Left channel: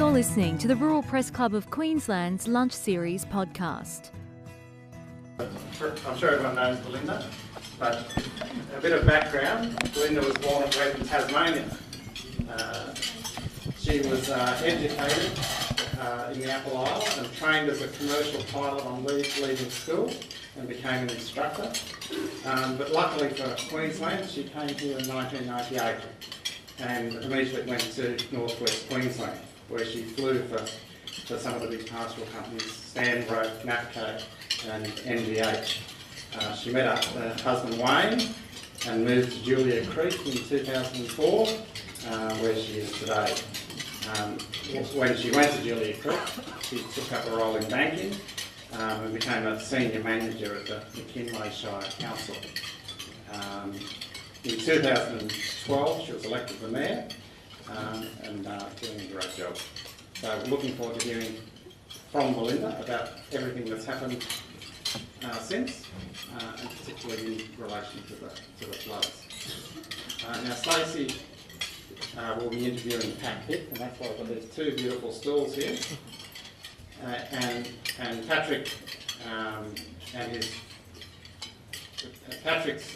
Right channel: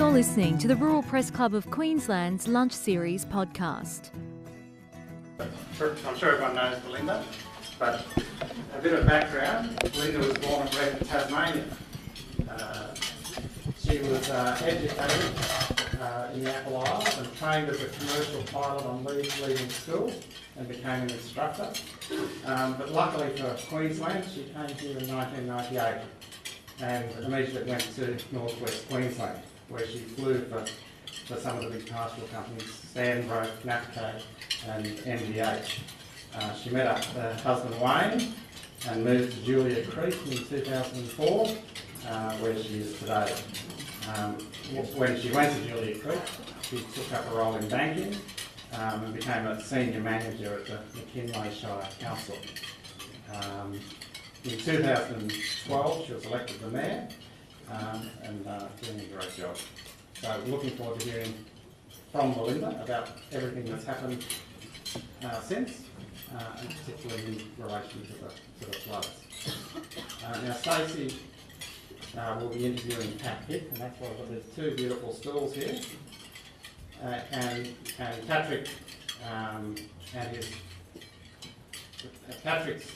You're listening to the Rural Press Club of Queensland's Lunch Series podcast. I'm sure everyone knows Belinda, but a bit of background. Belinda was born and bred in Tasmania. She was educated in the Apple Islands and trained as a commercial pilot on leaving school and became an instructor. But luckily for Queensland, she came here in 1998 and immediately went to northwest Queensland, where she flew for some of the big pastoral companies, Stanbroke, Napco and NGH. She met up with her husband Wayne and moved to Julia Creek in 2004, where she is today. When she went to Julia Creek, she took up a role in banking and became a senior manager at the McKinlay Shire Council. In 2012, she was elected the mayor and doing a great job. So looking forward to hearing from Belinda about everything that's happened since, and particularly in relation to the floods. Now Stacey will be interviewing Pat Pitt, and that's why I've got these two beautiful stools here. And Patrick and Patrick's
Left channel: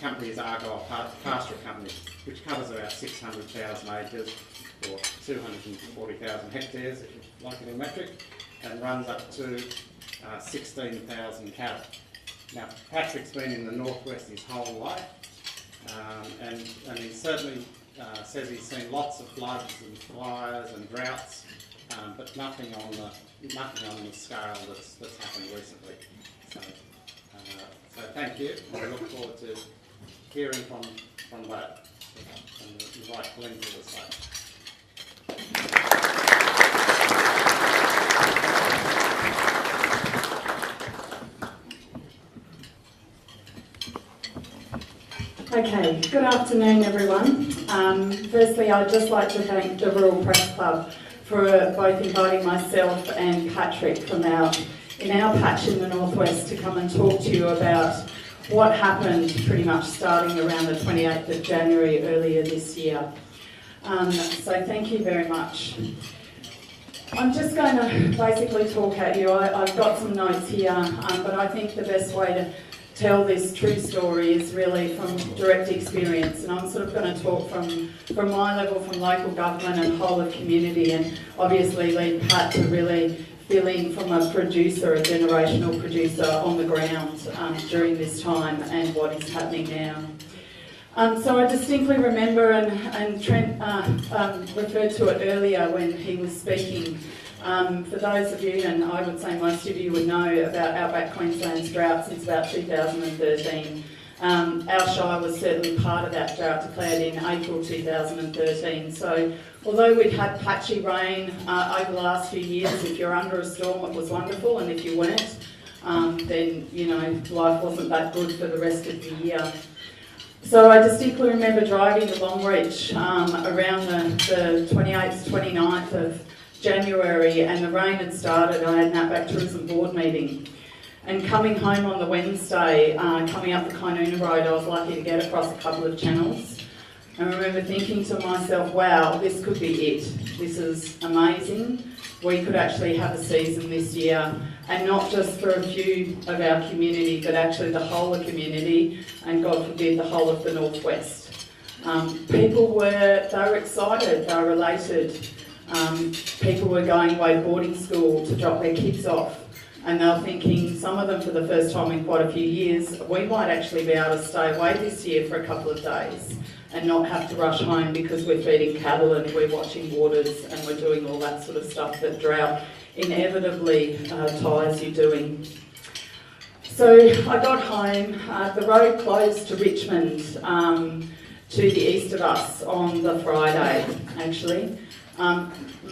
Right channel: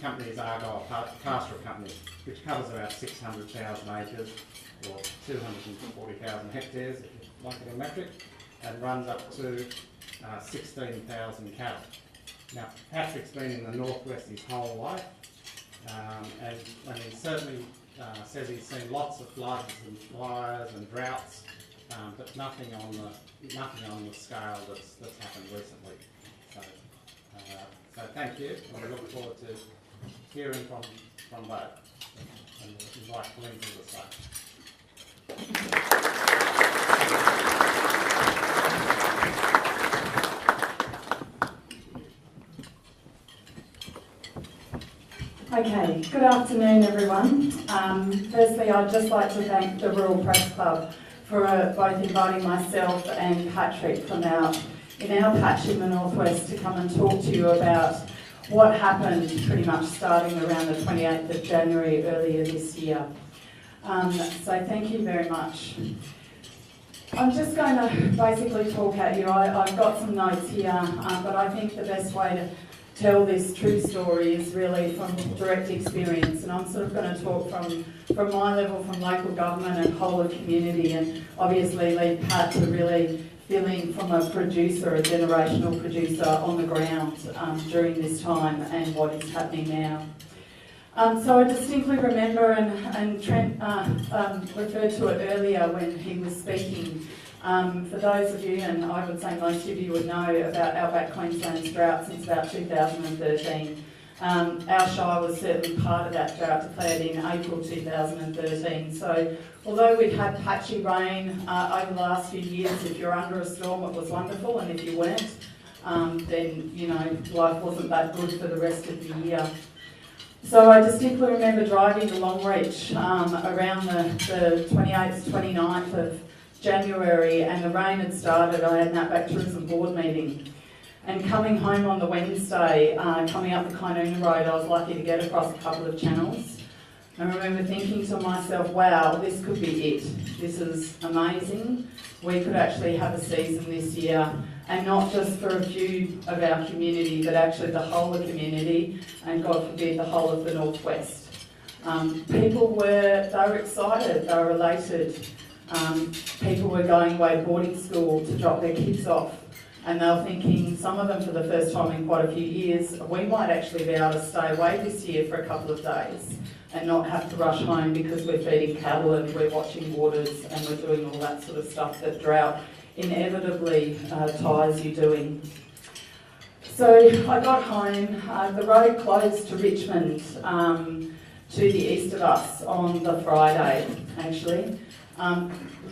company is Argyle Pastoral Company, which covers about 600,000 acres or 240,000 hectares, if you like it in metric, and runs up to 16,000 cattle. Now, Patrick's been in the northwest his whole life, and he certainly says he's seen lots of floods and fires and droughts, but nothing on the scale that's happened recently. So thank you, and we look forward to hearing from that. And invite Belinda to the stage. Okay, good afternoon everyone. Firstly, I'd just like to thank the Rural Press Club for both inviting myself and Patrick from in our patch in the northwest to come and talk to you about what happened pretty much starting around the 28th of January earlier this year. So thank you very much. I'm just going to basically talk at you. I've got some notes here, but I think the best way to tell this true story is really from direct experience, and I'm sort of going to talk from my level, from local government and whole of community, and obviously lead Pat to really feeling from a generational producer on the ground during this time and what is happening now. So I distinctly remember, and Trent referred to it earlier when he was speaking. For those of you, and I would say most of you would know about Outback Queensland's drought since about 2013. Our shire was certainly part of that drought declared in April 2013. So although we'd had patchy rain over the last few years, if you're under a storm it was wonderful, and if you weren't, then life wasn't that good for the rest of the year. So I distinctly remember driving to Longreach around the 28th, 29th of January, and the rain had started. I had an Outback Tourism Board meeting, and coming home on the Wednesday, coming up the Kainoona Road, I was lucky to get across a couple of channels. I remember thinking to myself, wow, this could be it. This is amazing. We could actually have a season this year, and not just for a few of our community, but actually the whole of community, and God forbid, the whole of the northwest. People were excited, they were elated. People were going away to boarding school to drop their kids off, and they were thinking, some of them for the first time in quite a few years, we might actually be able to stay away this year for a couple of days and not have to rush home because we're feeding cattle and we're watching waters and we're doing all that sort of stuff that drought inevitably ties you doing. So I got home, the road closed to Richmond to the east of us on the Friday actually.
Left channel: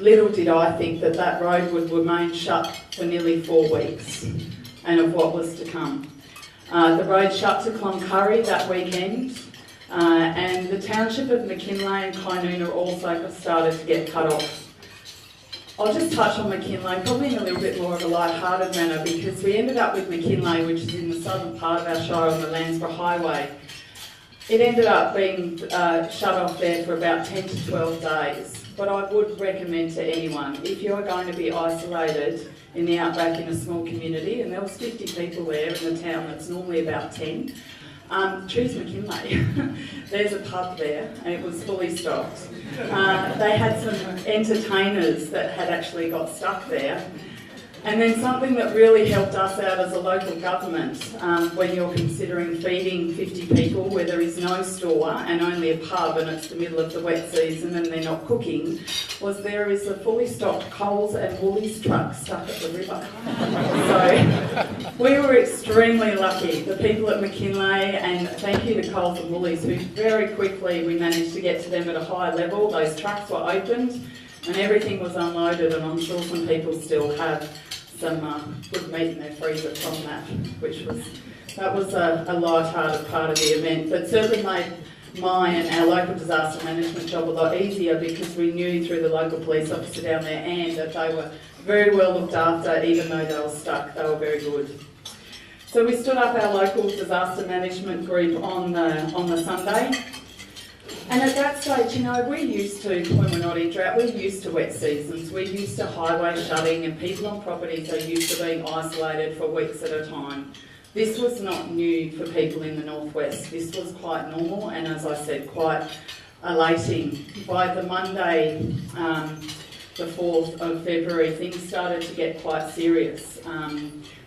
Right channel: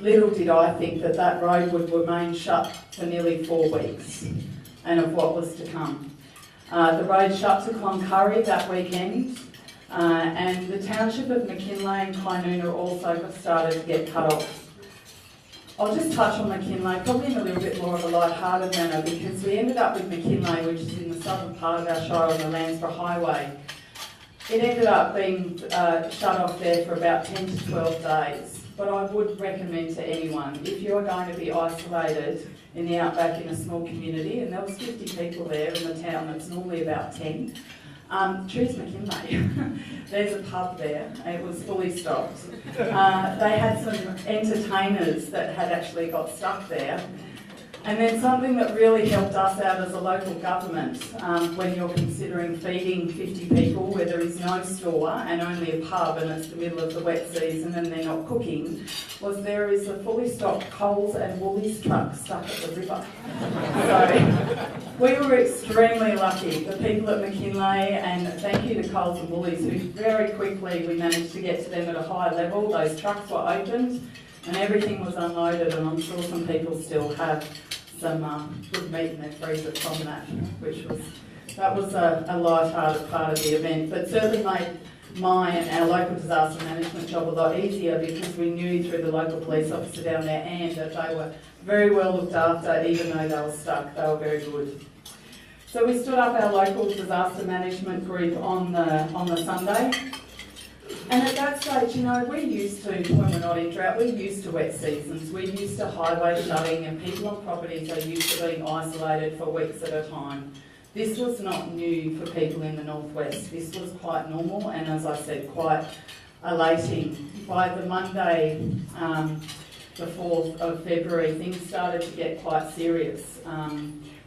Little did I think that road would remain shut for nearly 4 weeks, and of what was to come. The road shut to Cloncurry that weekend, and the township of McKinlay and Kainoona also started to get cut off. I'll just touch on McKinlay, probably in a little bit more of a light-hearted manner, because we ended up with McKinlay, which is in the southern part of our shire on the Landsborough Highway. It ended up being shut off there for about 10 to 12 days. But I would recommend to anyone, if you're going to be isolated in the outback in a small community, and there was 50 people there in the town that's normally about 10, choose McKinley. There's a pub there and it was fully stocked. They had some entertainers that had actually got stuck there. And then something that really helped us out as a local government, when you're considering feeding 50 people where there is no store and only a pub and it's the middle of the wet season and they're not cooking, was there is a fully stocked Coles and Woolies truck stuck at the river. So we were extremely lucky, the people at McKinley, and thank you to Coles and Woolies, who very quickly we managed to get to them at a high level. Those trucks were opened and everything was unloaded, and I'm sure some people still have some good meat in their freezer from that, that was a light-hearted part of the event, but certainly made my and our local disaster management job a lot easier, because we knew through the local police officer down there, Anne, that they were very well looked after. Even though they were stuck, they were very good. So we stood up our local disaster management group on the Sunday. And at that stage, you know, we're used to, when we're not in drought, we're used to wet seasons. We're used to highway shutting, and people on properties are used to being isolated for weeks at a time. This was not new for people in the northwest. This was quite normal, and as I said, quite elating. By the Monday, the 4th of February, things started to get quite serious.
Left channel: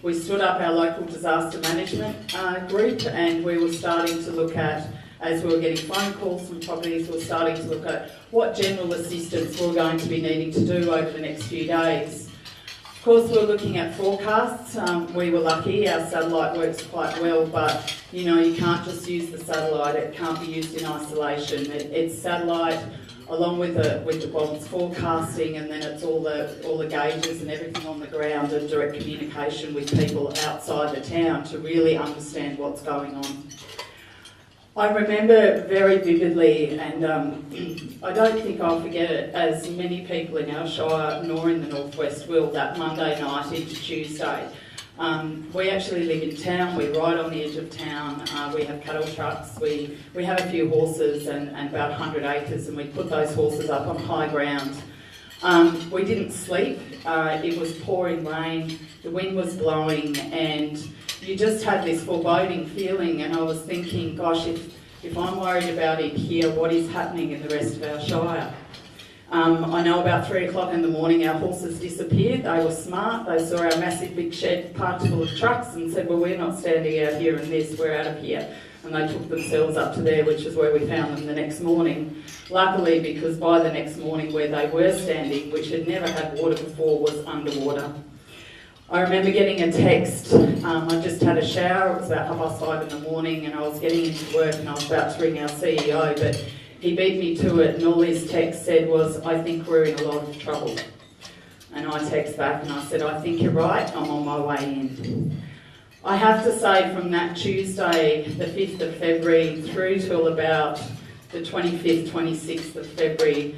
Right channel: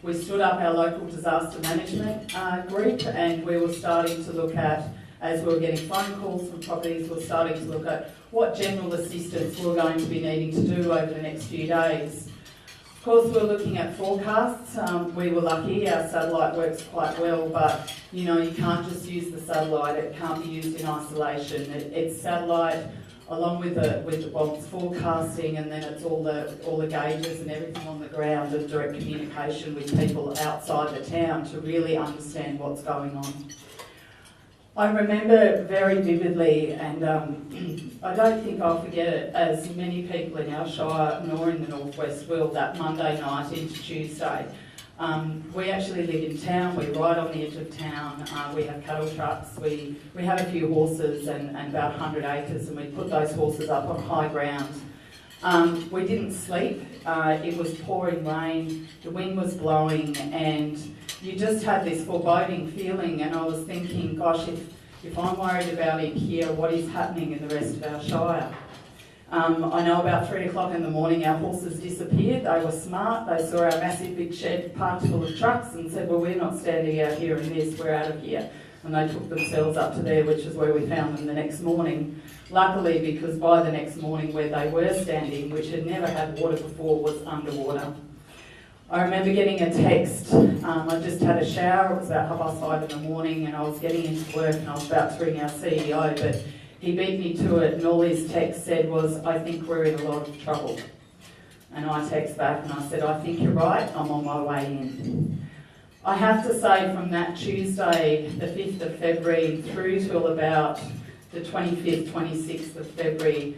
We stood up our local disaster management group, and we were starting to look at, as we were getting phone calls from properties, we were starting to look at what general assistance we were going to be needing to do over the next few days. Of course, we were looking at forecasts. We were lucky, our satellite works quite well, but you know, you can't just use the satellite, it can't be used in isolation. It's satellite along with the bonds forecasting, and then it's all the gauges and everything on the ground, and direct communication with people outside the town to really understand what's going on. I remember very vividly, and I don't think I'll forget it, as many people in our shire nor in the northwest will, that Monday night into Tuesday. We actually live in town, we ride on the edge of town, we have cattle trucks, we have a few horses and about 100 acres, and we put those horses up on high ground. We didn't sleep, it was pouring rain, the wind was blowing, and you just had this foreboding feeling, and I was thinking, gosh, if I'm worried about it here, what is happening in the rest of our shire? I know about 3 o'clock in the morning our horses disappeared. They were smart, they saw our massive big shed parked full of trucks and said, well, we're not standing out here in this, we're out of here. And they took themselves up to there, which is where we found them the next morning. Luckily, because by the next morning where they were standing, which had never had water before, was underwater. I remember getting a text. I just had a shower, it was about 5:30 in the morning, and I was getting into work and I was about to ring our CEO, but he beat me to it, and all his text said was, I think we're in a lot of trouble. And I text back and I said, I think you're right, I'm on my way in. I have to say, from that Tuesday, the 5th of February, through till about the 25th, 26th of February,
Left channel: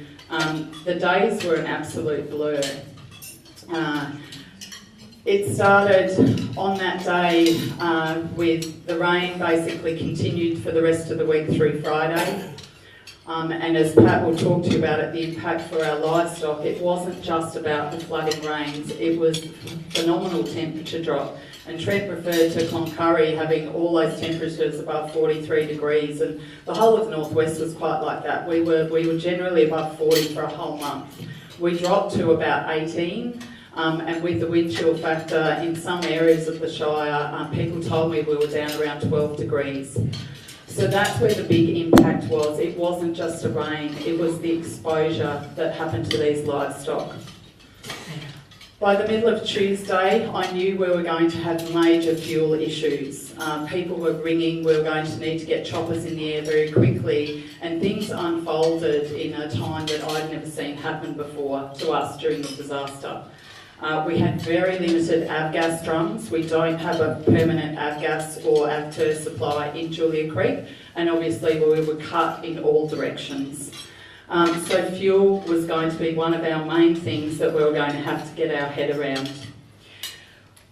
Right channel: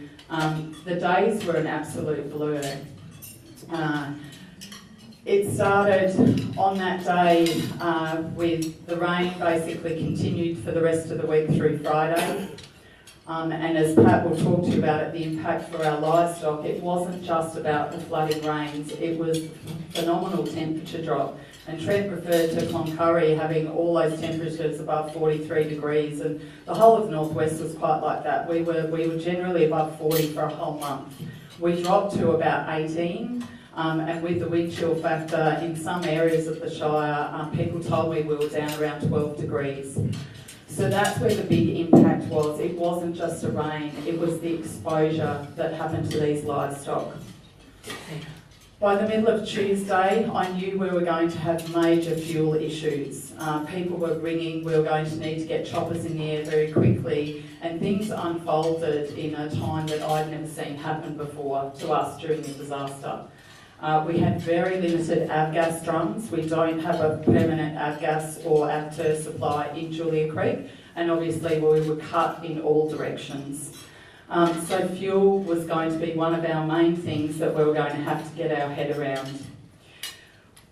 the days were an absolute blur. It started on that day with the rain basically continued for the rest of the week through Friday. And as Pat will talk to you about it, the impact for our livestock, it wasn't just about the flooding rains, it was phenomenal temperature drop. And Trent referred to Cloncurry having all those temperatures above 43 degrees, and the whole of the northwest was quite like that. We were generally above 40 for a whole month. We dropped to about 18. And with the wind chill factor in some areas of the shire, people told me we were down around 12 degrees. So that's where the big impact was. It wasn't just the rain, it was the exposure that happened to these livestock. By the middle of Tuesday, I knew we were going to have major fuel issues. People were ringing, we were going to need to get choppers in the air very quickly, and things unfolded in a time that I'd never seen happen before to us during the disaster. We had very limited avgas drums. We don't have a permanent avgas or avter supply in Julia Creek, and obviously we were cut in all directions. So fuel was going to be one of our main things that we were going to have to get our head around.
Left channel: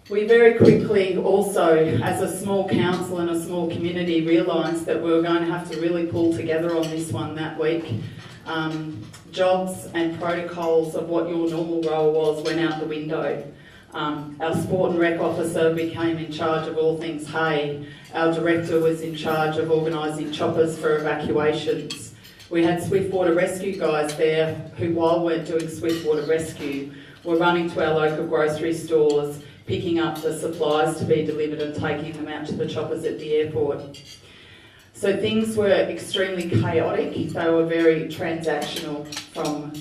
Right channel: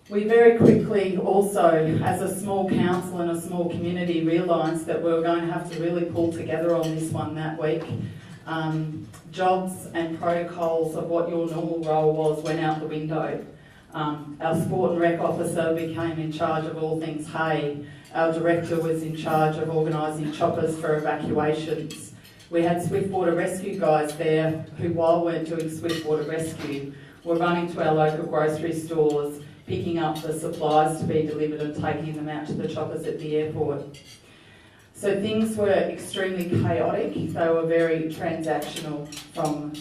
We very quickly also, as a small council and a small community, realised that we were going to have to really pull together on this one that week. Jobs and protocols of what your normal role was went out the window. Our sport and rec officer became in charge of all things hay. Our director was in charge of organising choppers for evacuations. We had swiftwater rescue guys there who, while we're doing swiftwater rescue, were running to our local grocery stores, picking up the supplies to be delivered and taking them out to the choppers at the airport. So things were extremely chaotic. They were very transactional from,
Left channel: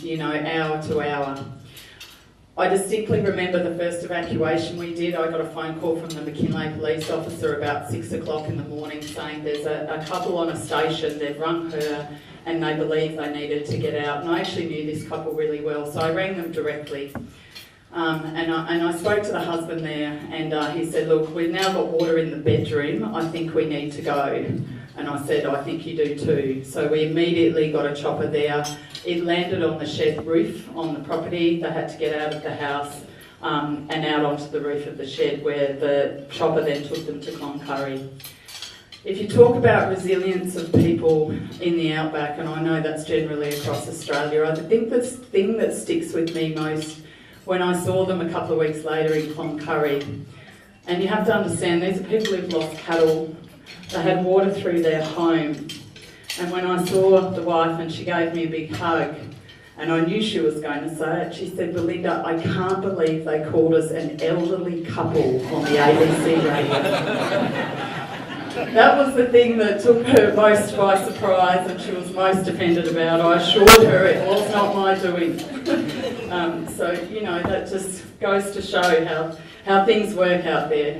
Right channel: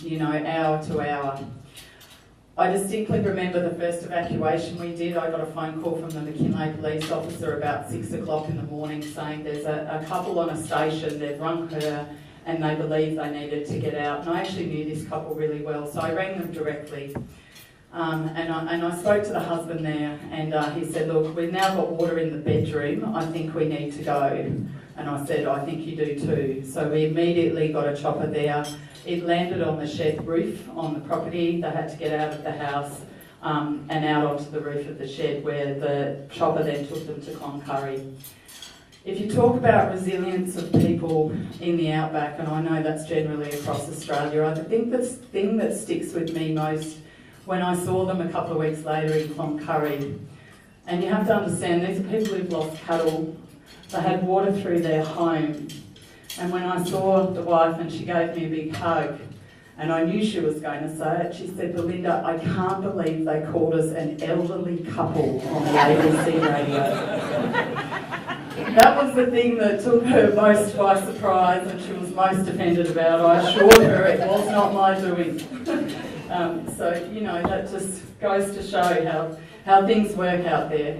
hour to hour. I distinctly remember the first evacuation we did. I got a phone call from the McKinley police officer about 6 o'clock in the morning saying there's a couple on a station, they've rung her and they believe they needed to get out. And I actually knew this couple really well, so I rang them directly. And I spoke to the husband there and he said, look, we've now got water in the bedroom, I think we need to go. And I said, I think you do too. So we immediately got a chopper there. It landed on the shed roof on the property. They had to get out of the house and out onto the roof of the shed where the chopper then took them to Cloncurry. If you talk about resilience of people in the outback, and I know that's generally across Australia, I think the thing that sticks with me most when I saw them a couple of weeks later in Cloncurry, and you have to understand these are people who've lost cattle. They had water through their home. And when I saw the wife and she gave me a big hug, and I knew she was going to say it, she said, Belinda, I can't believe they called us an elderly couple on the ABC radio. That was the thing that took her most by surprise and she was most offended about. I assured her it was not my doing. That just goes to show how things work out there.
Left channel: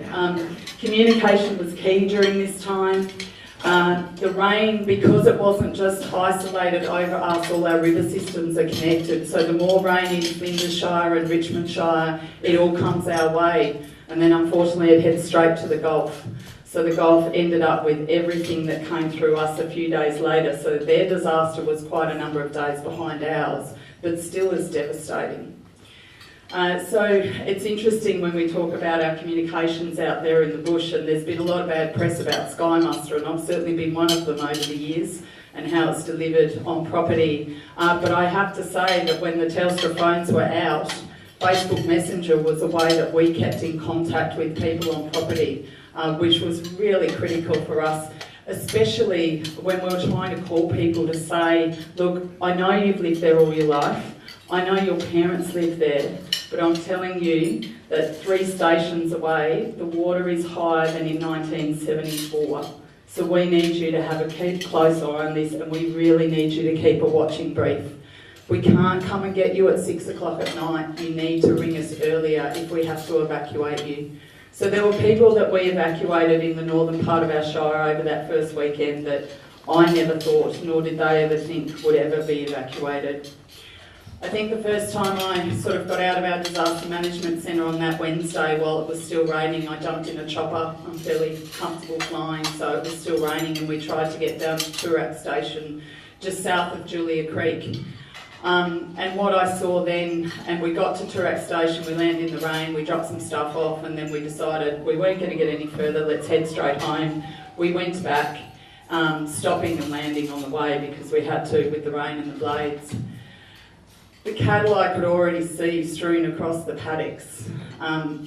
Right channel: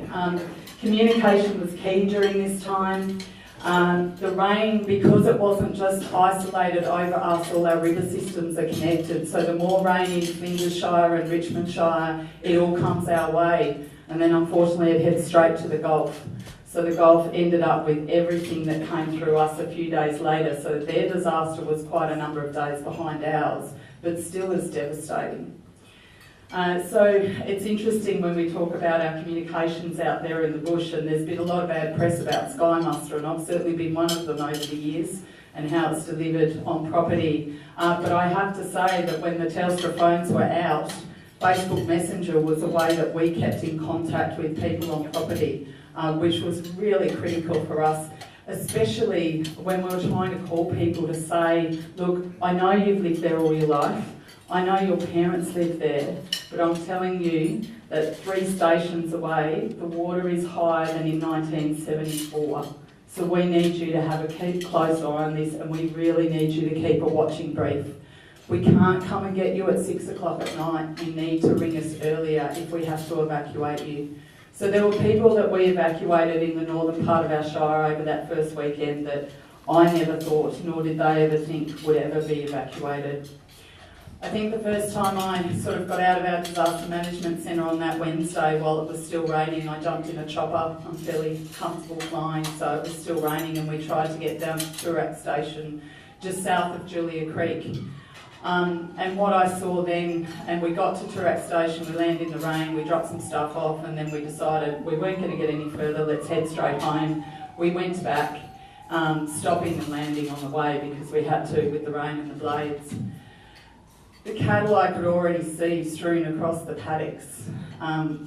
Communication was key during this time. The rain, because it wasn't just isolated over us, all our river systems are connected. So the more rain in Flinders-shire and Richmond-shire, it all comes our way. And then unfortunately it heads straight to the Gulf. So the Gulf ended up with everything that came through us a few days later. So their disaster was quite a number of days behind ours, but still is devastating. So it's interesting when we talk about our communications out there in the bush, and there's been a lot of bad press about Sky Muster, and I've certainly been one of them over the years, and how it's delivered on property. But I have to say that when the Telstra phones were out, Facebook Messenger was a way that we kept in contact with people on property, which was really critical for us, especially when we were trying to call people to say, look, I know you've lived there all your life, I know your parents live there, but I'm telling you that 3 stations away, the water is higher than in 1974. So we need you to keep a close eye on this, and we really need you to keep a watching brief. We can't come and get you at 6 o'clock at night. You need to ring us earlier if we have to evacuate you. So there were people that we evacuated in the northern part of our shire over that first weekend that I never thought, nor did they ever think, would ever be evacuated. I think the first time I sort of got out of our disaster management centre on that Wednesday while it was still raining, I jumped in a chopper. I'm fairly comfortable flying, so it was still raining, and we tried to get down to Toorak Station just south of Julia Creek. And what I saw then, and we got to Toorak Station, we landed in the rain, we dropped some stuff off, and then we decided we weren't going to get any further, let's head straight home. We went back, stopping and landing on the way because we had to with the rain and the blades. The cattle I could already see strewn across the paddocks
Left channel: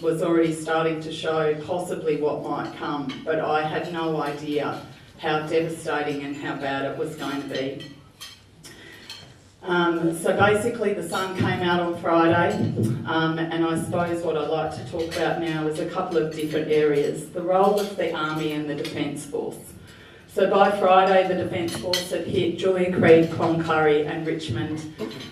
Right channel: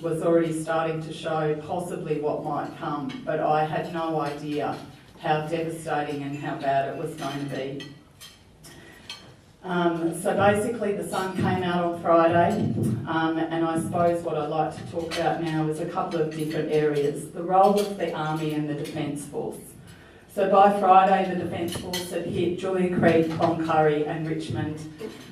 was already starting to show possibly what might come, but I had no idea how devastating and how bad it was going to be. So basically the sun came out on Friday, and I suppose what I'd like to talk about now is a couple of different areas. The role of the Army and the Defence Force. So by Friday, the Defence Force had hit Julia Creek, Cloncurry and Richmond.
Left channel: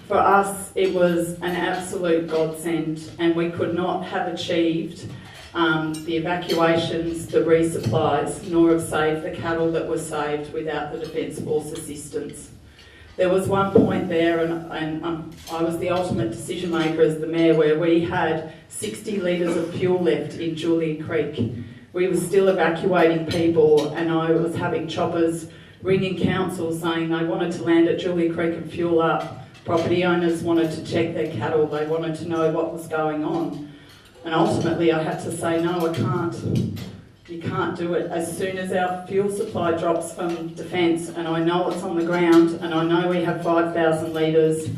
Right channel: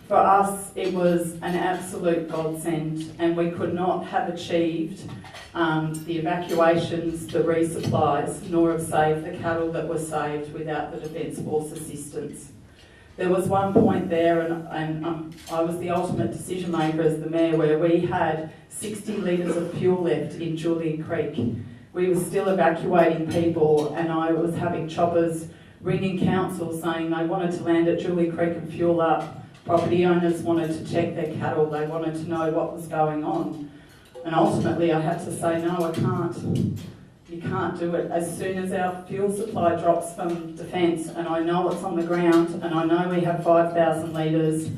For us, it was an absolute godsend, and we could not have achieved the evacuations, the resupplies, nor have saved the cattle that were saved without the Defence Force assistance. There was one point there, and I was the ultimate decision maker as the mayor, where we had 60 litres of fuel left in Julia Creek. We were still evacuating people, and I was having choppers ringing council saying they wanted to land at Julia Creek and fuel up. Property owners wanted to check their cattle, they wanted to know what was going on. And ultimately I had to say, no, I can't. You can't do it. As soon as our fuel supply drops from Defence, and I know it's on the ground, and I know we have 5,000 litres,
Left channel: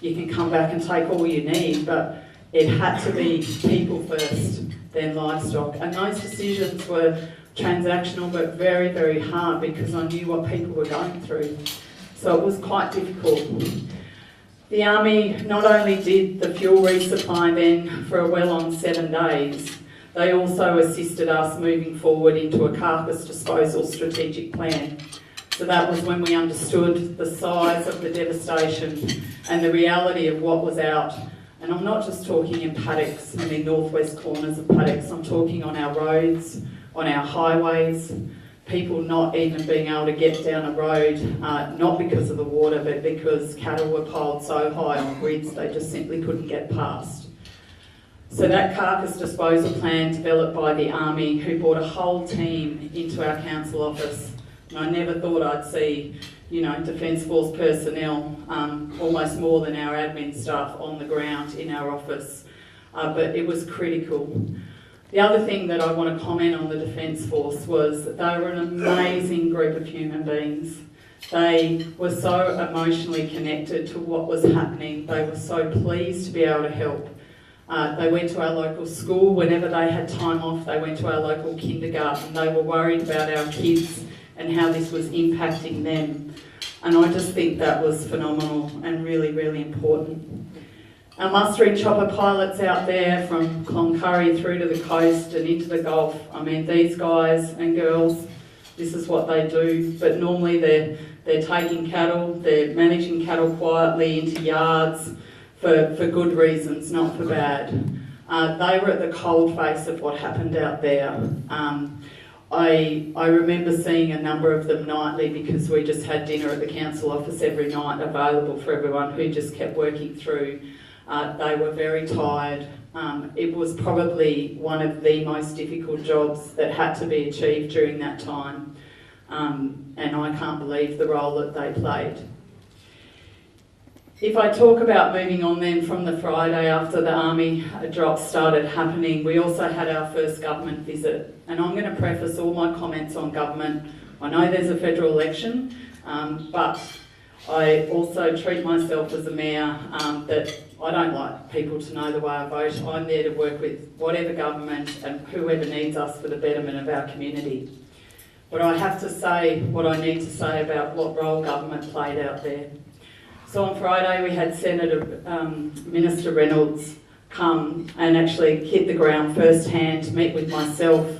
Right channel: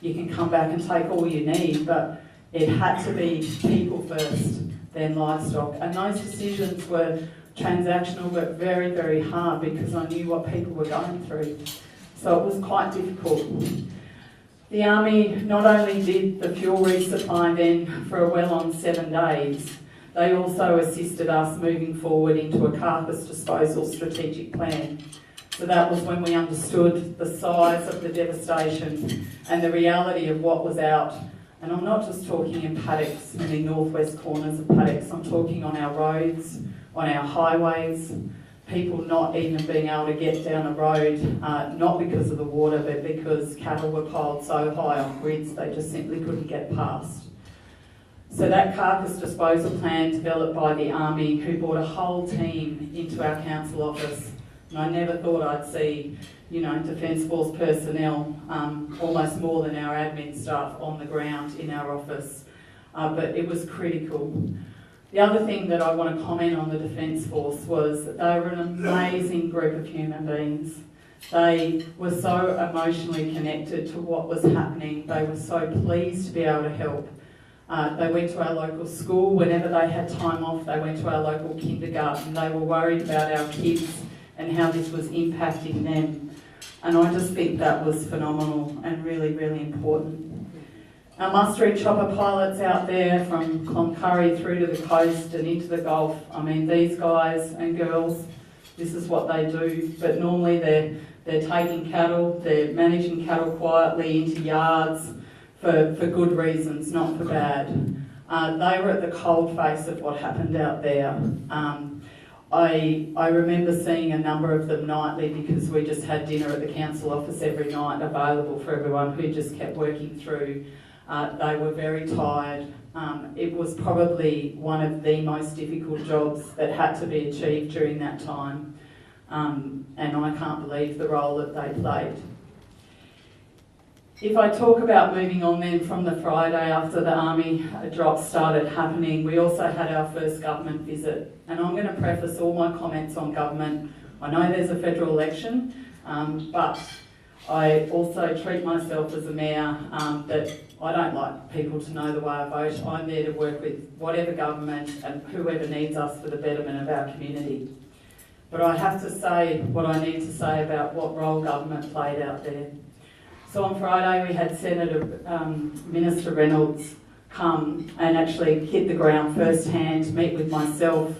you can come back and take all you need, but it had to be people first, then livestock. And those decisions were transactional, but very, very hard, because I knew what people were going through. So it was quite difficult. The Army not only did the fuel resupply then for a well on 7 days, they also assisted us moving forward into a carcass disposal strategic plan. So that was when we understood the size of the devastation and the reality of what was out. And I'm not just talking in paddocks, I mean northwest corners of paddocks, I'm talking on our roads, on our highways, people not even being able to get down a road, not because of the water, but because cattle were piled so high on grids they just simply couldn't get past. So that carcass disposal plan developed by the Army, who brought a whole team into our council office, and I never thought I'd see, Defence Force personnel, almost more than our admin staff on the ground in our office, but it was critical. The other thing that I want to comment on the Defence Force was that they were an amazing group of human beings. They were so emotionally connected to what was happening. They were so pleased to be able to help. They went to our local school whenever they had time off. They went to our local kindergarten. They were worried about our kids and how this was impacting them. And I just think that was phenomenal and really, really important. Our mustering chopper pilots out there from Cloncurry through to the coast and into the Gulf, I mean, these guys and girls, this is what they do. But normally they're taking cattle, they're managing cattle quietly into yards, for good reasons, not for bad. They were at the cold face of what happened out there. I remember seeing a number of them nightly, because we just had dinner at the council office every night available for everyone who just kept working through. They were very tired. It was probably one of the most difficult jobs that had to be achieved during that time. And I can't believe the role that they played. If I talk about moving on then from the Friday after the Army drops started happening, we also had our first government visit. And I'm going to preface all my comments on government. I know there's a federal election, but I also treat myself as a mayor that I don't like people to know the way I vote. I'm there to work with whatever government and whoever needs us for the betterment of our community. But I have to say what I need to say about what role government played out there. So on Friday we had Minister Reynolds come and actually hit the ground firsthand, meet with myself,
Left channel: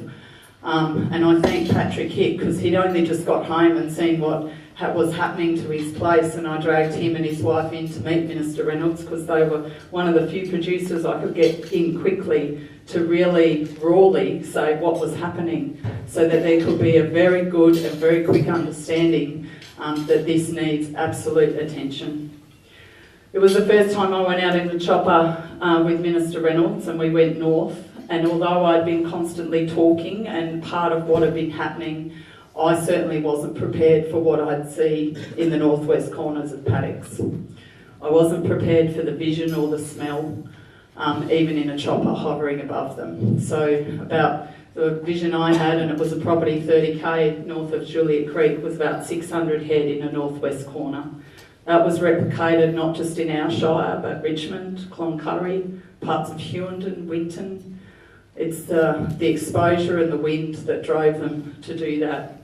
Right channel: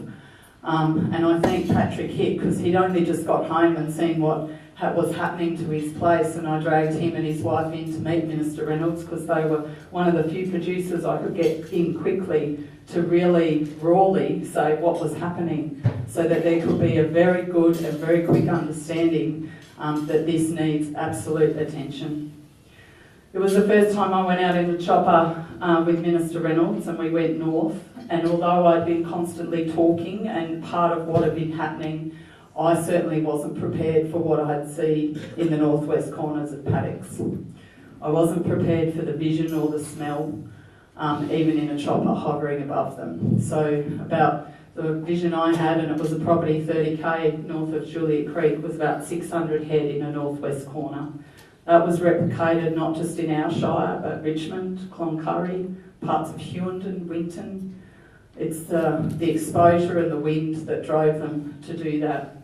and I thank Patrick Hick, because he'd only just got home and seen what was happening to his place, and I dragged him and his wife in to meet Minister Reynolds, because they were one of the few producers I could get in quickly to really rawly say what was happening, so that there could be a very good and very quick understanding that this needs absolute attention. It was the first time I went out in the chopper with Minister Reynolds, and we went north, and although I'd been constantly talking and part of what had been happening, I certainly wasn't prepared for what I'd see in the northwest corners of paddocks. I wasn't prepared for the vision or the smell, even in a chopper hovering above them. So about the vision I had, and it was a property 30k north of Juliet Creek, was about 600 head in a northwest corner. That was replicated not just in our shire, but Richmond, Cloncurry, parts of Hughenden, Winton. It's the exposure and the wind that drove them to do that.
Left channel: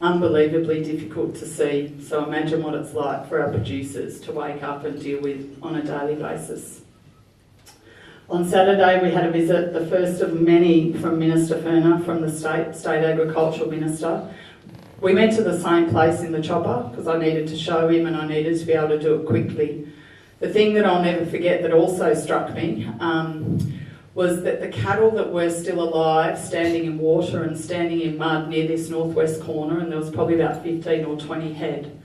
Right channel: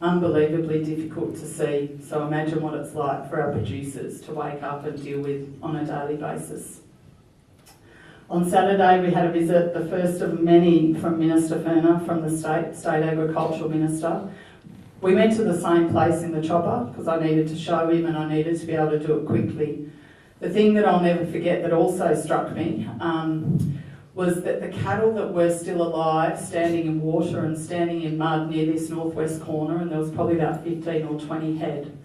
Unbelievably difficult to see, so imagine what it's like for our producers to wake up and deal with on a daily basis. On Saturday we had a visit, the first of many from Minister Ferner, from the State Agricultural Minister. We went to the same place in the chopper because I needed to show him and I needed to be able to do it quickly. The thing that I'll never forget that also struck me was that the cattle that were still alive, standing in water and standing in mud near this northwest corner, and there was probably about 15 or 20 head,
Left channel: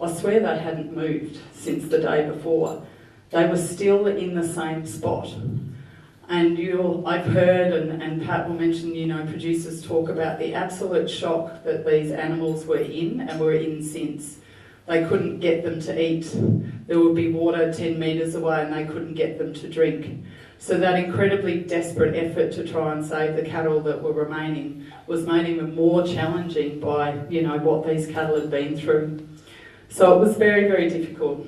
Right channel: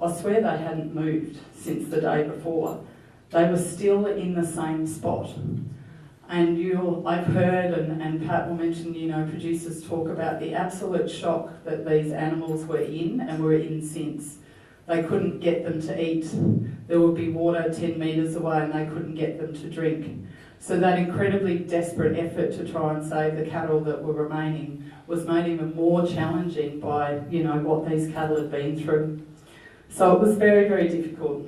I swear they hadn't moved since the day before. They were still in the same spot. And I've heard, and Pat will mention, producers talk about the absolute shock that these animals were in and were in since. They couldn't get them to eat. There would be water 10 metres away and they couldn't get them to drink. So that incredibly desperate effort to try and save the cattle that were remaining was made even more challenging by, what these cattle had been through. So it was very, very difficult.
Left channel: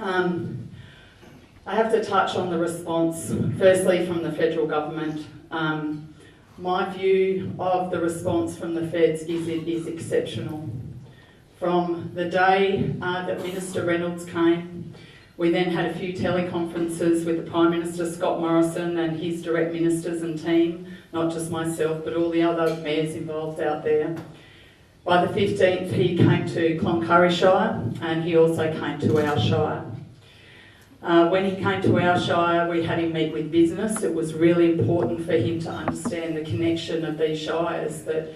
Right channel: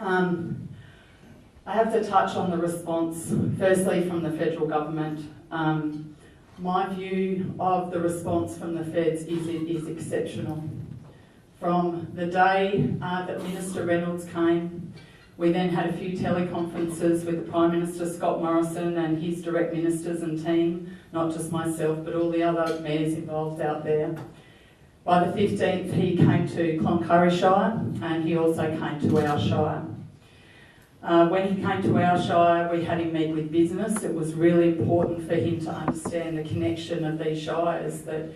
I have to touch on the response, firstly from the federal government. My view of the response from the feds is exceptional. From the day that Minister Reynolds came, we then had a few teleconferences with the Prime Minister Scott Morrison and his direct ministers and team, not just myself but all the other mayors involved out there. By the 15th he came to Cloncurry Shire and he also came to our shire. When he came to our shire, we had him meet with business. It was really important for him to understand the connection of these shires, that,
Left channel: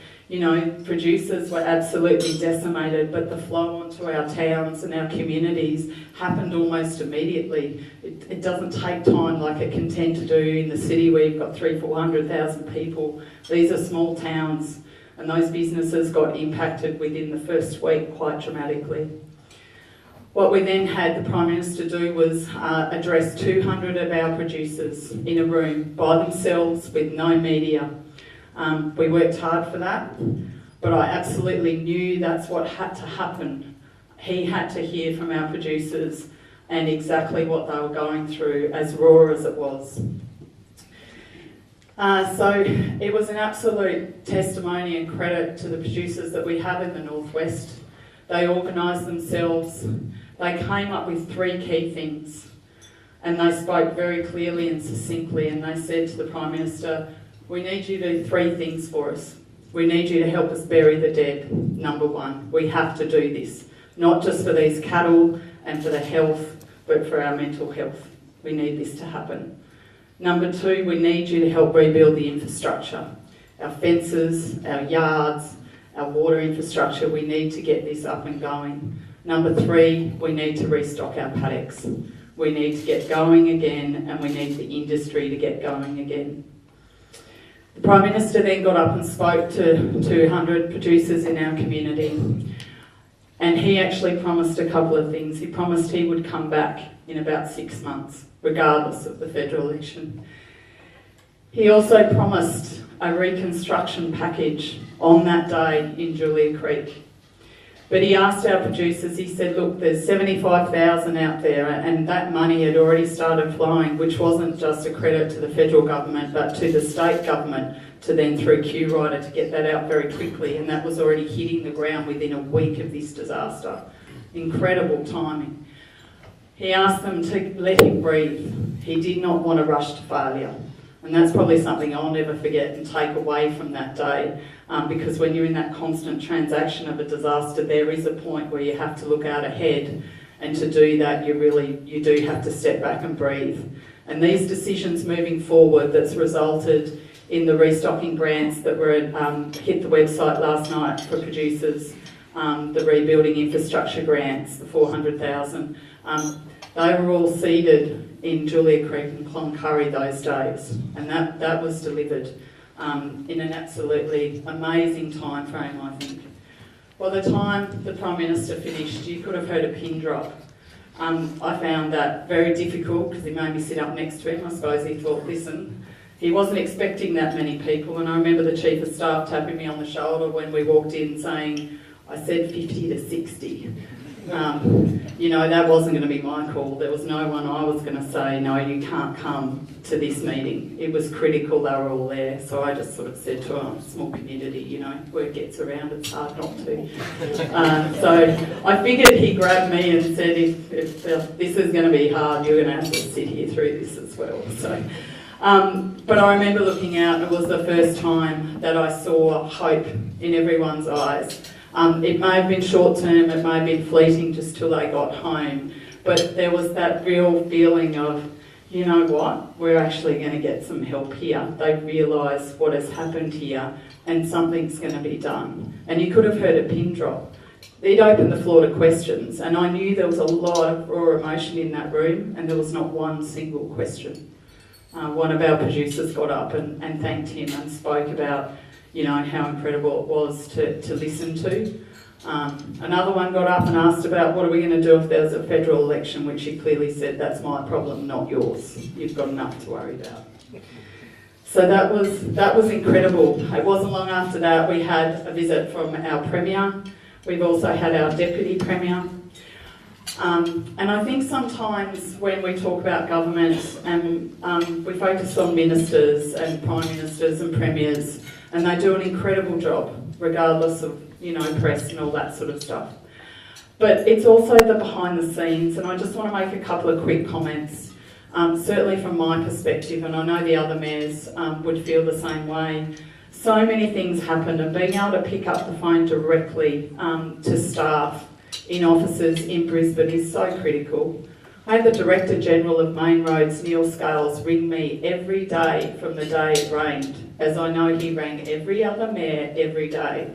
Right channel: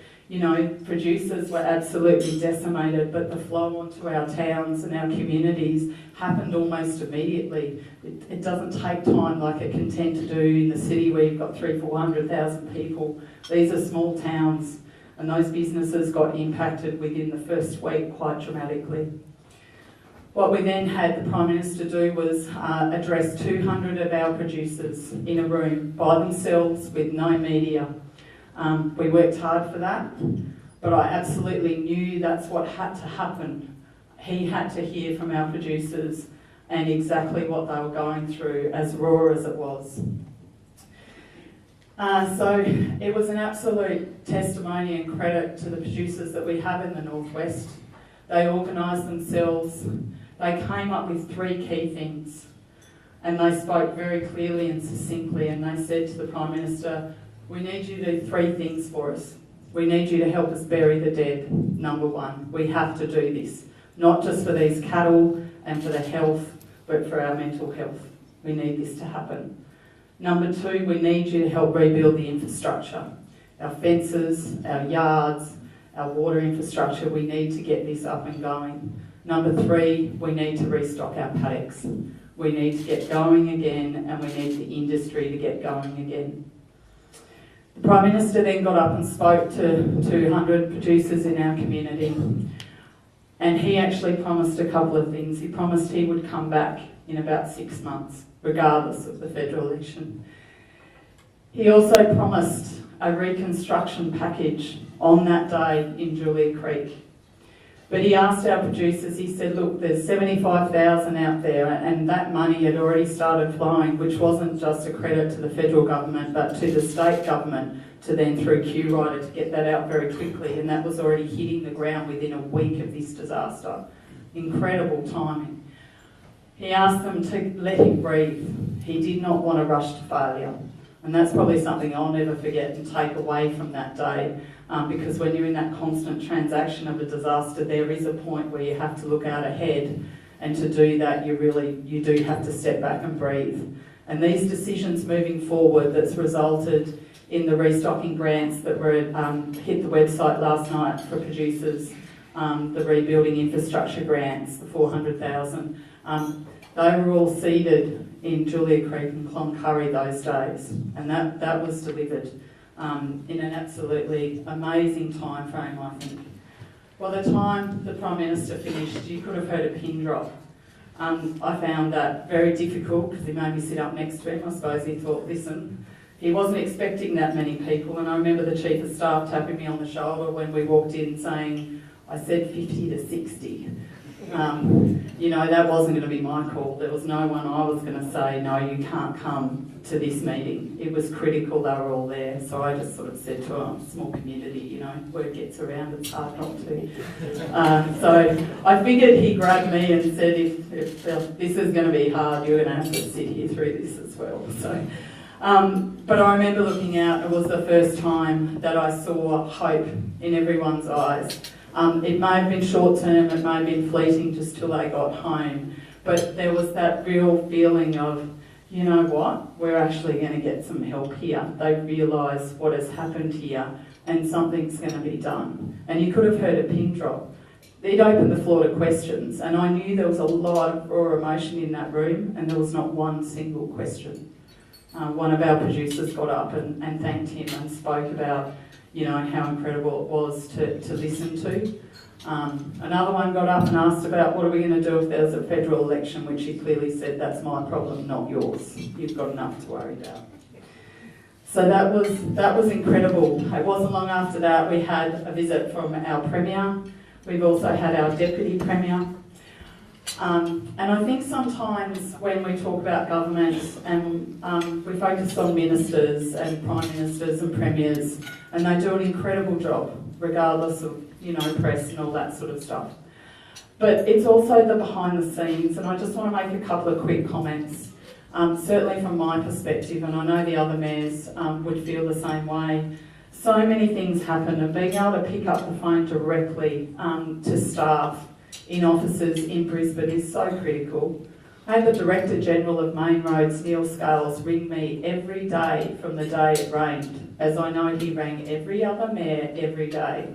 producers were absolutely decimated, but the flow onto our towns and our communities happened almost immediately. It doesn't take time like it can tend to do in the city where you've got 300,000-400,000 people. These are small towns, and those businesses got impacted within the first week quite dramatically. What we then had the Prime Minister do was address 200 of our producers in a room by themselves with no media. We worked hard for that, but I absolutely knew that's what had to happen. He had to hear from our producers and exactly what they were going through, as raw as it was. So it was an absolute testimony and credit to the producers that we have in the Northwest. They organised themselves. They came up with 3 key things, and they spoke very clearly and succinctly, and they said to the Prime Minister, we need you to do 3 things for us. We need you to help us bury the dead, number 1. We have to do this, not just for these cattle and for the health, but for our mental health. We need this to happen. Number 2, we need you to help rebuild the infrastructure. Our fences, our yards, our water infrastructure, we need to get this up and going. Number 3, we need to restock our paddocks. We need to get going again, and we need the industry to get going again. The Prime Minister then got up and spoke to 200 producers in our community, and he actually promised a couple of things. He promised he would come back in about 6 months, regardless of the federal election. He also promised a reconstruction package on that day in Julia Creek. But he asked our producers, he said, look, there's 75,000 out there, and that money had already started flowing, which wasn't just a credit to the federal government, but to the state government, to then through Q-Rider to get that out very quickly, and that was already hitting the ground within a week of this disaster. Incredible timing. He asked them to let him breathe. He did not want to rush to failure. And that's probably something I'll never forget and take away from that day, because when you're in that constant transaction of a disaster, there is a point where you have to look out ahead, and to do that you do have to step back and breathe. And these decisions moving forward that's resulted in the restocking grants that were hit the website last night for producers, the rebuilding infrastructure grants, the 400,000, they were all seeded in Julia Creek and Cloncurry those days, and that was delivered in an absolutely amazing time frame, I think. By the time the Prime Minister finished, you could have heard a pin drop. I found that very difficult because he made me sit up next to him. I suppose he thought, listen, he wasn't expecting that many people, and I remember the Chief of Staff tapping me on the shoulder when we walked in saying, I said 50 to 60. That wasn't going to be my call. There was no one I was going to say, no, you can't come to this meeting. It was critical, they were all there. So I just sort of said to a small community, word gets around, it's hard not to. So I figured he grabbed me and said, if this is going to be hard, you're going to have to sit here through this as well. So, but I remember looking out, and it was the first time that I saw hope in everyone's eyes. It may have been short term, it may have been fleeting just till they got home, but there was that real feeling of, you know what, we're actually going to get some help here. They realise what has happened here and something's going to be done. And you could have heard a pin drop. It opened the floor to questions, and I knew there was a lot of raw emotion in that room, and there was not one single question. One of our producers got up and thanked him and spoke about how incredible it was to listen to. Another one got up and asked about what are we going to do if there's a federal election, which he clearly said, that's my problem, not yours. You've got enough to worry about. So that was incredible. It wasn't long after that we had a visit from our Premier. We've also had our Deputy Premier. And I think sometimes when we talk about government and we focus on ministers and Prime Ministers and Premiers, and they do an incredible job, regardless of, press and all that sort of stuff. But it's also the behind the scenes, and I just want to make a couple of quick comments. Certainly from my perspective, and I know the other mayors would feel the same way, so many things happen, and being able to pick up the phone directly to staff in offices in Brisbane is so critical. I had the Director General of Main Roads, Neil Scales, ring me every day from the day it rained, as I know he rang every other mayor every day.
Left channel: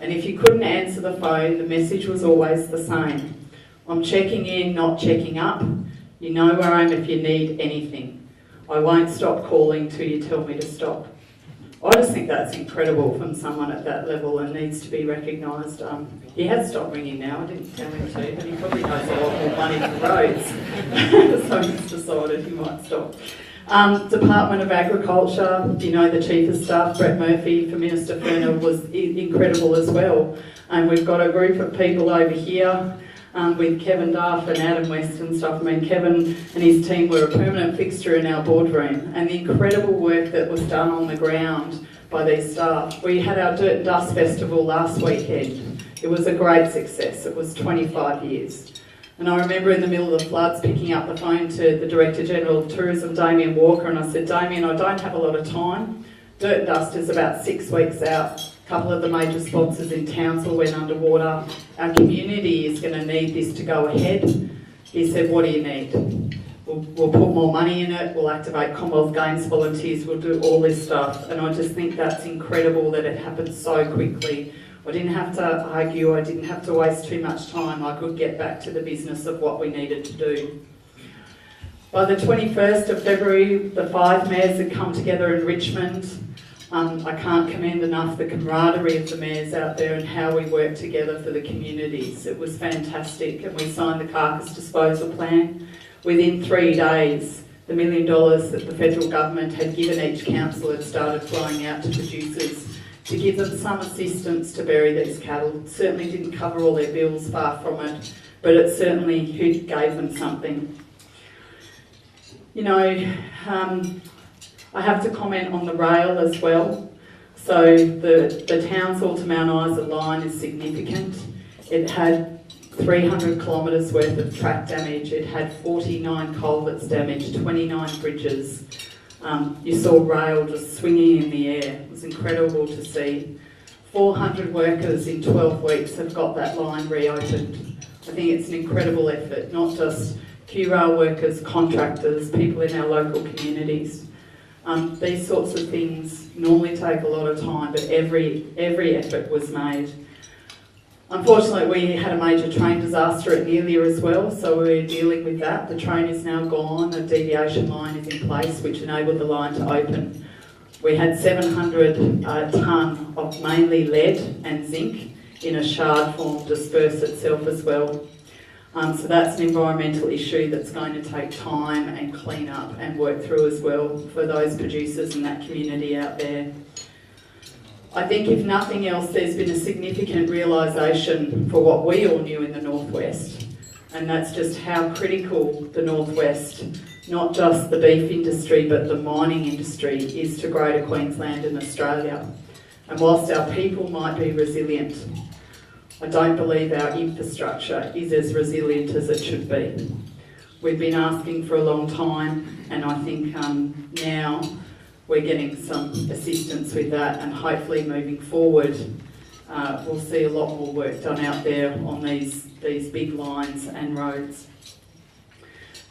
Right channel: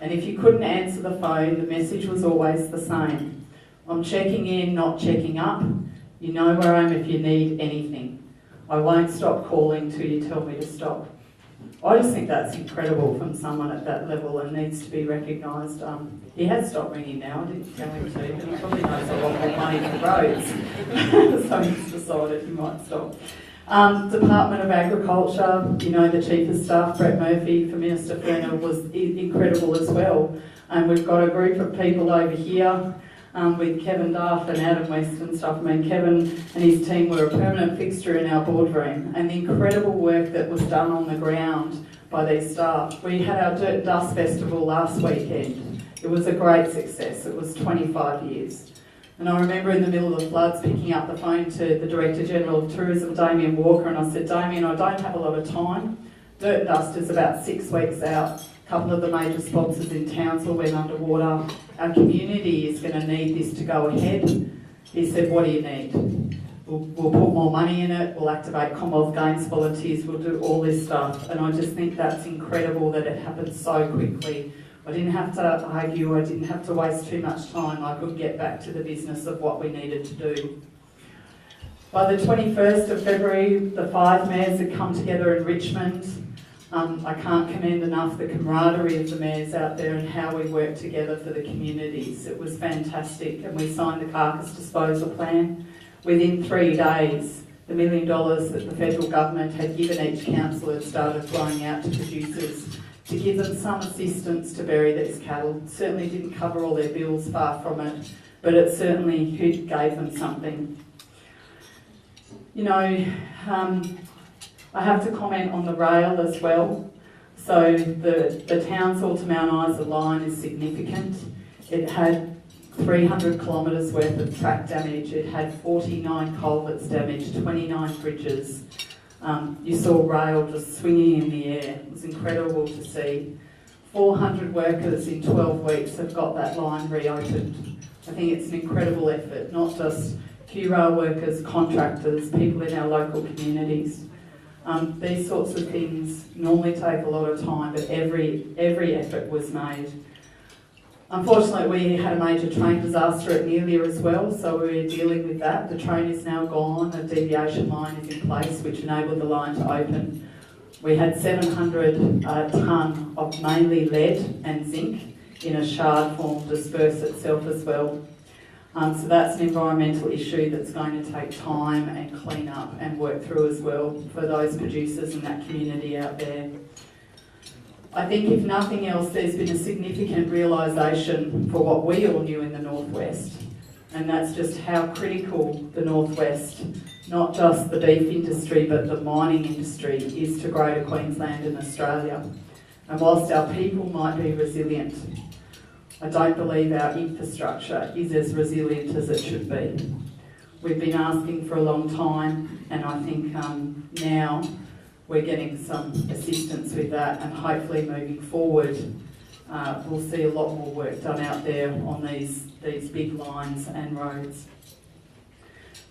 And if you couldn't answer the phone, the message was always the same. I'm checking in, not checking up. You know where I am if you need anything. I won't stop calling till you tell me to stop. I just think that's incredible from someone at that level and needs to be recognised. He has stopped ringing now, I didn't tell him to, and he probably knows a lot more money for roads. So he's decided he might stop. Department of Agriculture, the Chief of Staff, Brett Murphy, for Minister Furnell was incredible as well. And we've got a group of people over here with Kevin Duff and Adam West and stuff. Kevin and his team were a permanent fixture in our boardroom, and the incredible work that was done on the ground by these staff. We had our Dirt and Dust Festival last weekend. It was a great success. It was 25 years. And I remember in the middle of the floods picking up the phone to the Director General of Tourism, Damien Walker, and I said, Damien, I don't have a lot of time. Dirt and Dust is about 6 weeks out. A couple of the major sponsors in Townsville went underwater. Our community is going to need this to go ahead. He said, what do you need? We'll put more money in it, we'll activate Commonwealth Games volunteers, we'll do all this stuff. And I just think that's incredible that it happened so quickly. I didn't have to argue, I didn't have to waste too much time. I could get back to the business of what we needed to do. By the 21st of February, the 5 mayors had come together in Richmond. I can't commend enough the camaraderie of the mayors out there and how we worked together for the communities. It was fantastic, and we signed the carcass disposal plan. Within 3 days, the $1 million that the federal government had given each council had started flowing out to producers to give them some assistance to bury these cattle. It certainly didn't cover all their bills, far from it, but it certainly gave them something. I have to comment on the rail as well. So the Townsville to Mount Isa line is significant. It had 300 kilometres worth of track damage. It had 49 culverts damaged, 29 bridges. You saw rail just swinging in the air. It was incredible to see. 400 workers in 12 weeks have got that line reopened. I think it's an incredible effort, not just Q-rail workers, contractors, people in our local communities. These sorts of things normally take a lot of time, but every effort was made. Unfortunately, we had a major train disaster at Nelia as well, so we were dealing with that. The train is now gone, a deviation line is in place, which enabled the line to open. We had 700 tonne of mainly lead and zinc in a shard form disperse itself as well. So that's an environmental issue that's going to take time and clean up and work through as well for those producers in that community out there. I think if nothing else, there's been a significant realisation for what we all knew in the Northwest, and that's just how critical the Northwest, not just the beef industry but the mining industry, is to Greater Queensland and Australia. And whilst our people might be resilient, I don't believe our infrastructure is as resilient as it should be. We've been asking for a long time, and I think now we're getting some assistance with that, and hopefully moving forward we'll see a lot more work done out there on these big lines and roads.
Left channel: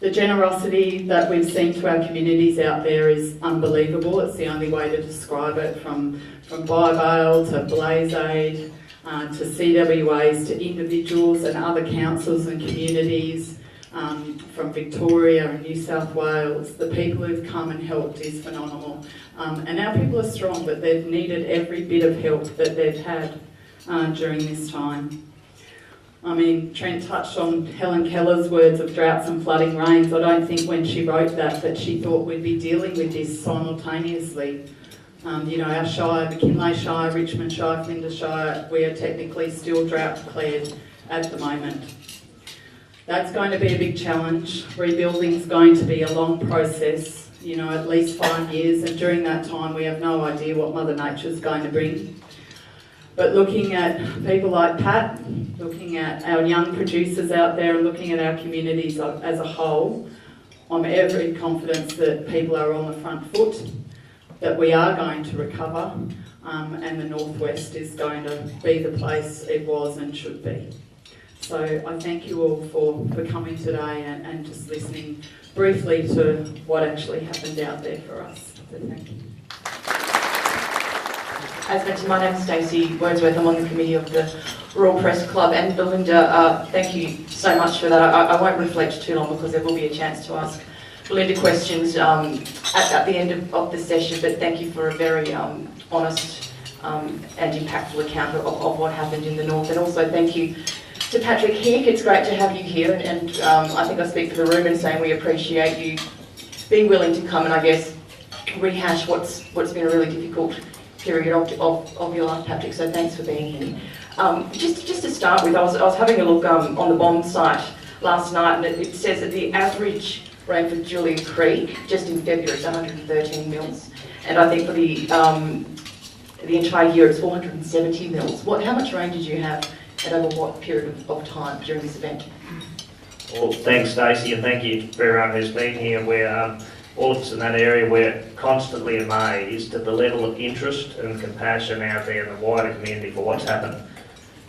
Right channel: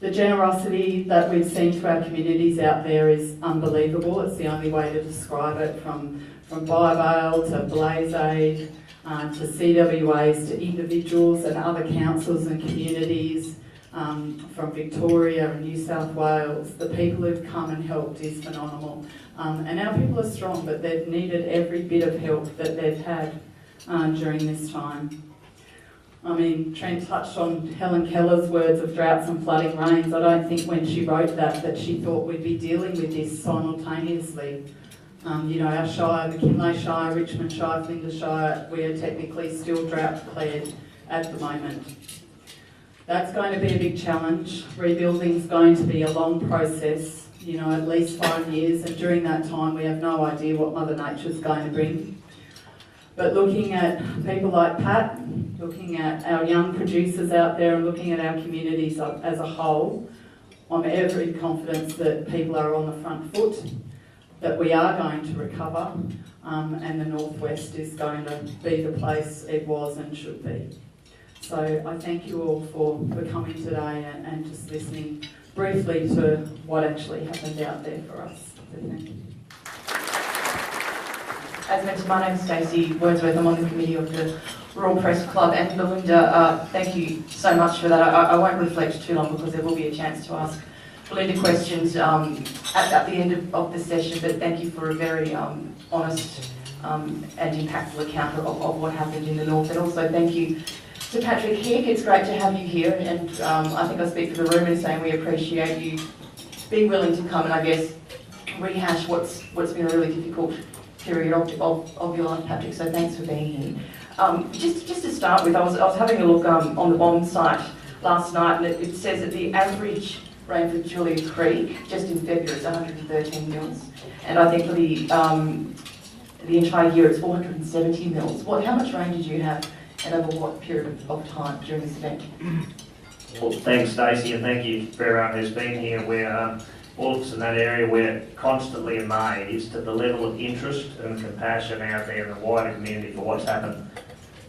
The generosity that we've seen to our communities out there is unbelievable. It's the only way to describe it, from BioBail to Blaze Aid, to CWAs, to individuals and other councils and communities from Victoria and New South Wales. The people who've come and helped is phenomenal. And our people are strong, but they've needed every bit of help that they've had during this time. I mean, Trent touched on Helen Keller's words of droughts and flooding rains. I don't think when she wrote that she thought we'd be dealing with this simultaneously. You know, our Shire, McKinley Shire, Richmond Shire, Flinders Shire, we are technically still drought declared at the moment. That's going to be a big challenge. Rebuilding's going to be a long process, you know, at least 5 years, and during that time we have no idea what Mother Nature's going to bring. But looking at people like Pat, looking at our young producers out there and looking at our communities as a whole, I'm very confident that people are on the front foot, that we are going to recover, and the Northwest is going to be the place it was and should be. So I thank you all for coming today and just listening briefly to what actually happened out there for us. So thank you. As mentioned, my name is Stacey Wordsworth. I'm on the committee of the Rural Press Club. And Belinda, thank you so much for that. I won't reflect too long because there will be a chance to ask Belinda questions at the end of the session, but thank you for a very honest and impactful account of what happened in the North. And also thank you to Patrick Hick. It's great to have you here, and I think I speak for the room in saying we appreciate you being willing to come and I guess rehash what's been a really difficult period of your life, Patrick, so thanks for being here. Just to start with, I was having a look on the bond site last night, and it says that the average rain for Julia Creek just in February is 113 mils, and I think for the entire year it's 470 mils. How much rain did you have, and over what period of time during this event? Well, thanks, Stacey, and thank you for everyone who's been here. We're all of us in that area, we're constantly amazed at the level of interest and compassion out there in the wider community for what's happened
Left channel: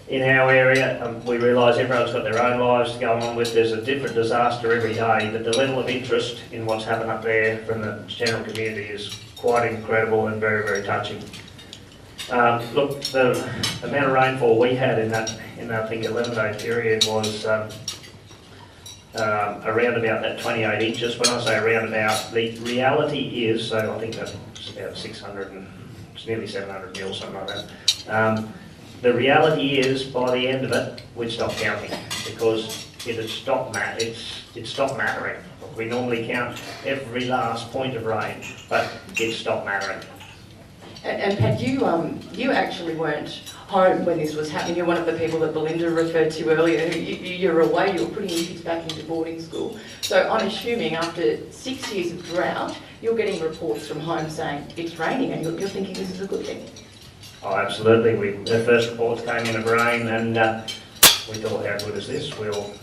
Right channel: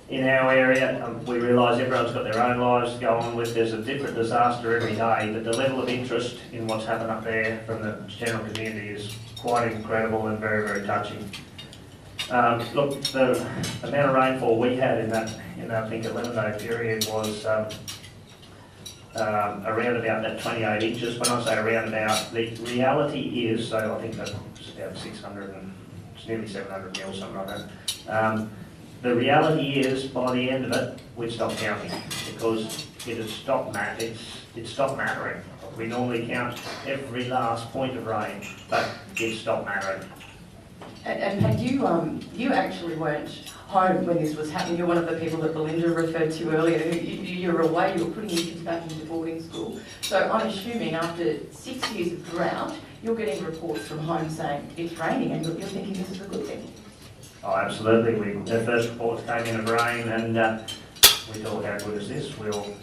in our area. We realise everyone's got their own lives to go on with. There's a different disaster every day, but the level of interest in what's happened up there from the general community is quite incredible and very, very touching. Look, the amount of rainfall we had in that I think 11-day period was around about that 28 inches. When I say around about, the reality is, so I think that's about 600 and it's nearly 700 mil, something like that. The reality is, by the end of it, we'd stopped counting because it had stopped mattering. We normally count every last point of rain, but it stopped mattering. And Pat, you actually weren't home when this was happening. You're one of the people that Belinda referred to earlier. You're away, you were putting your kids back into boarding school. So I'm assuming after 6 years of drought, you're getting reports from home saying it's raining and you're thinking this is a good thing. Oh, absolutely. The first reports came in of rain and we thought, how good is this? We'll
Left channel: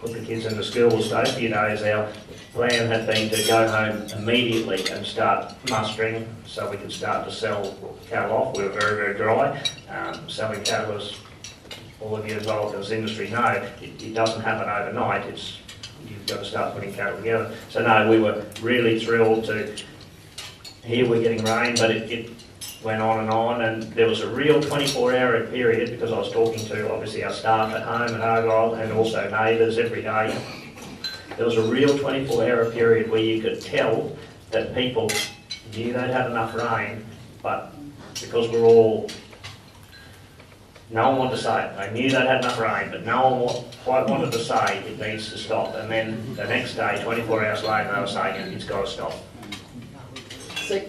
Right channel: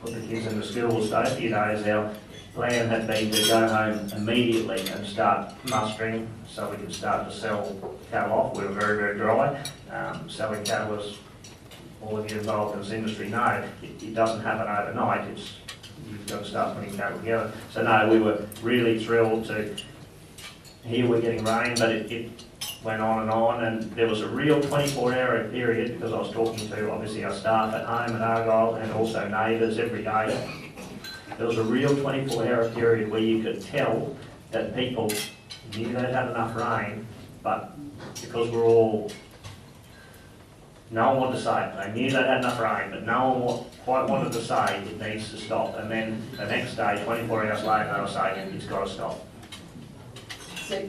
put the kids into school. We'll stay a few days. Our plan had been to go home immediately and start mustering so we could start to sell cattle off. We were very, very dry. Selling cattle, as all of you involved in this industry know, it doesn't happen overnight. You've got to start putting cattle together. So no, we were really thrilled to hear we're getting rain, but it went on, and there was a real 24-hour period because I was talking to obviously our staff at home in Argyle and also neighbours every day. There was a real 24-hour period where you could tell that people knew they'd had enough rain, but because no one wanted to say it. They knew they'd had enough rain, but no one quite wanted to say it needs to stop. And then the next day, 24 hours later, they were saying it's got to stop.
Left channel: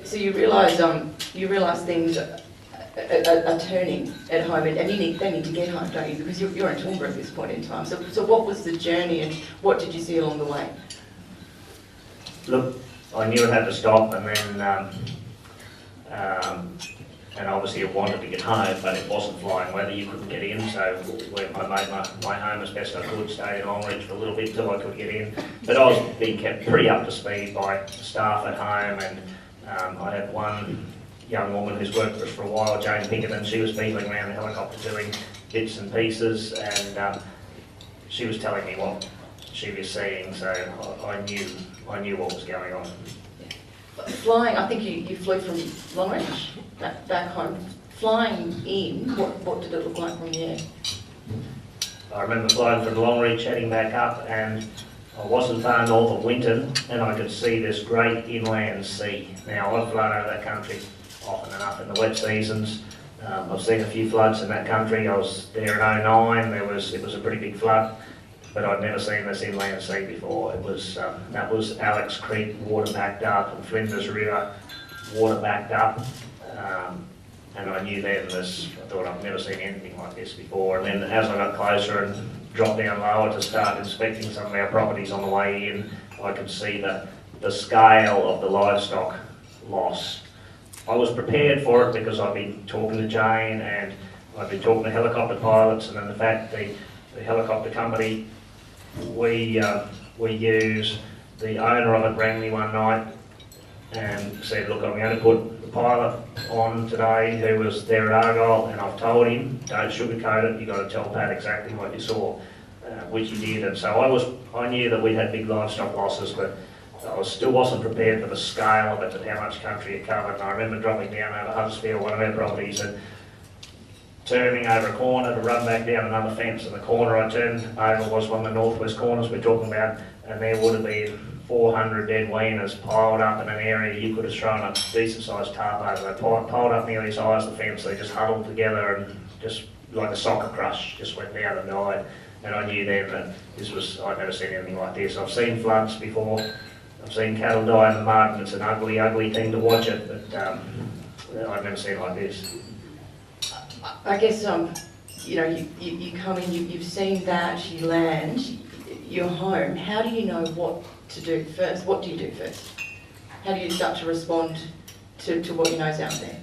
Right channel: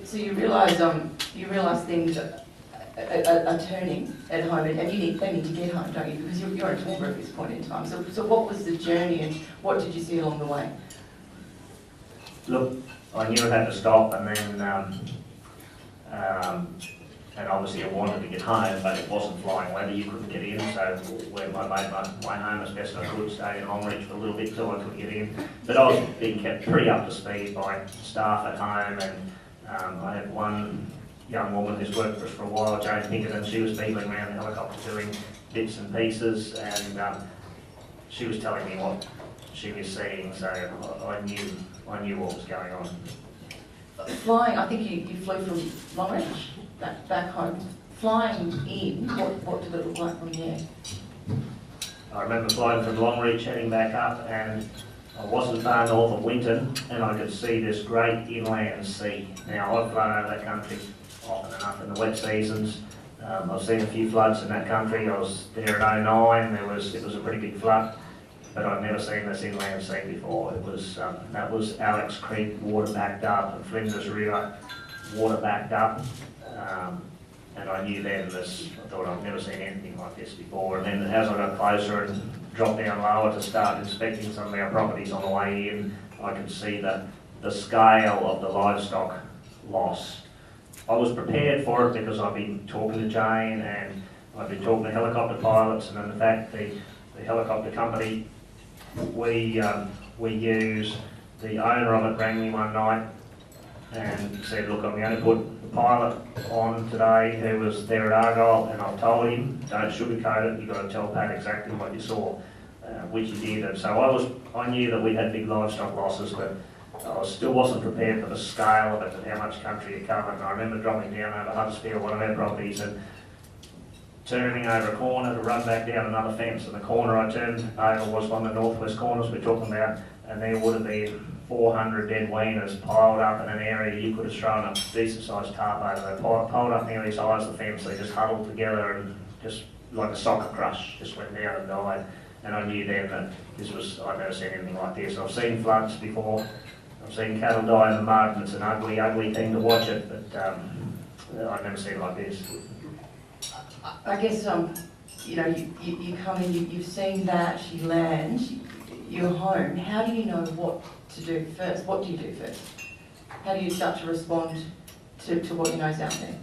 So you realise things are turning at home, and they need to get home, don't you? Because you're in Toowoomba at this point in time. So what was the journey, and what did you see along the way? Look, I knew it had to stop, and then and obviously I wanted to get home, but it wasn't flying weather. You couldn't get in, so I made my home as best I could. Stayed in Longreach for a little bit till I could get in. But I was being kept pretty up to speed by staff at home, and I had one young woman who's worked for us for a while, Jane Pickett, and she was beetling around the helicopter doing bits and pieces, and she was telling me what she was seeing, so I knew what was going on. Flying, I think you flew from Longreach back home. Flying in, what did it look like from the air? I remember flying from Longreach, heading back up, and I wasn't far north of Winton, and I could see this great inland sea. Now, I've flown over that country often enough in the wet seasons, I've seen a few floods in that country. I was there in '09. It was a pretty big flood, but I'd never seen this inland sea before. It was that was Alex Creek water backed up and Flinders River water backed up, and I knew then this. I thought I've never seen anything like this before. And then as I got closer and dropped down lower to start inspecting some of our properties on the way in, I could see the scale of the livestock loss. I was prepared for it because I've been talking to Jane and I've been talking to helicopter pilots, and then the fact the helicopter company we use, the owner of it rang me one night and said, look, I'm going to put the pilot on today who was there at Argyle, and I've told him, don't sugarcoat it, you've got to tell Pat exactly what you saw, which he did. And so I knew that we had big livestock losses, but I still wasn't prepared for the scale of it and how much country it covered. And I remember dropping down over Huddersfield, one of our properties, and turning over a corner to run back down another fence. And the corner I turned over was one of the northwest corners we're talking about, and there would have been 400 dead weaners piled up in an area you could have thrown a decent sized tarp over. They piled up nearly as high as the fence. They just huddled together and just like a soccer crush just went down and died. And I knew then that I'd never seen anything like this. I've seen floods before. I've seen cattle die in the mud, and it's an ugly, ugly thing to watch it, but I've never seen it like this. I guess, you know, you come in, you've seen that, you land, you're home. How do you know what to do first? What do you do first? How do you start to respond to what you know's out there?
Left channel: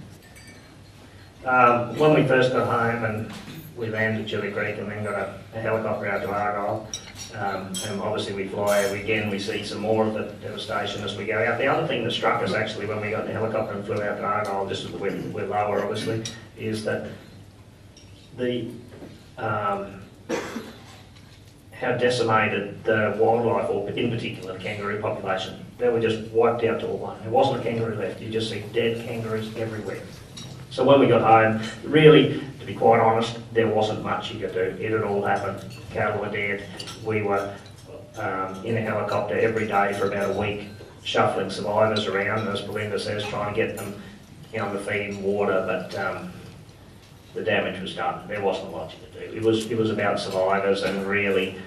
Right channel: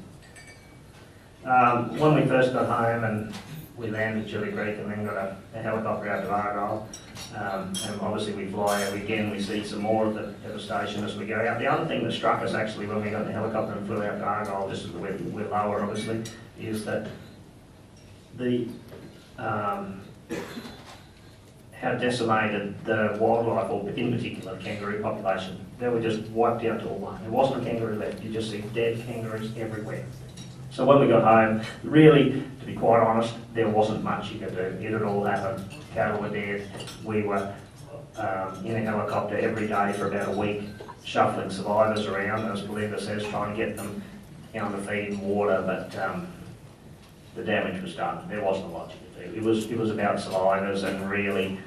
When we first got home and we landed at Chili Creek and then got a helicopter out to Argyle, and obviously we fly over again, we see some more of the devastation as we go out. The other thing that struck us actually when we got in the helicopter and flew out to Argyle, just as we're lower obviously, is that how decimated the wildlife, or in particular the kangaroo population. They were just wiped out to a one. There wasn't a kangaroo left. You just see dead kangaroos everywhere. So when we got home, really, to be quite honest, there wasn't much you could do. It had all happened. Cattle were dead. We were in a helicopter every day for about a week, shuffling survivors around, as Belinda says, trying to get them on the feed and water, but the damage was done. There wasn't a lot you could do. It was about survivors, and really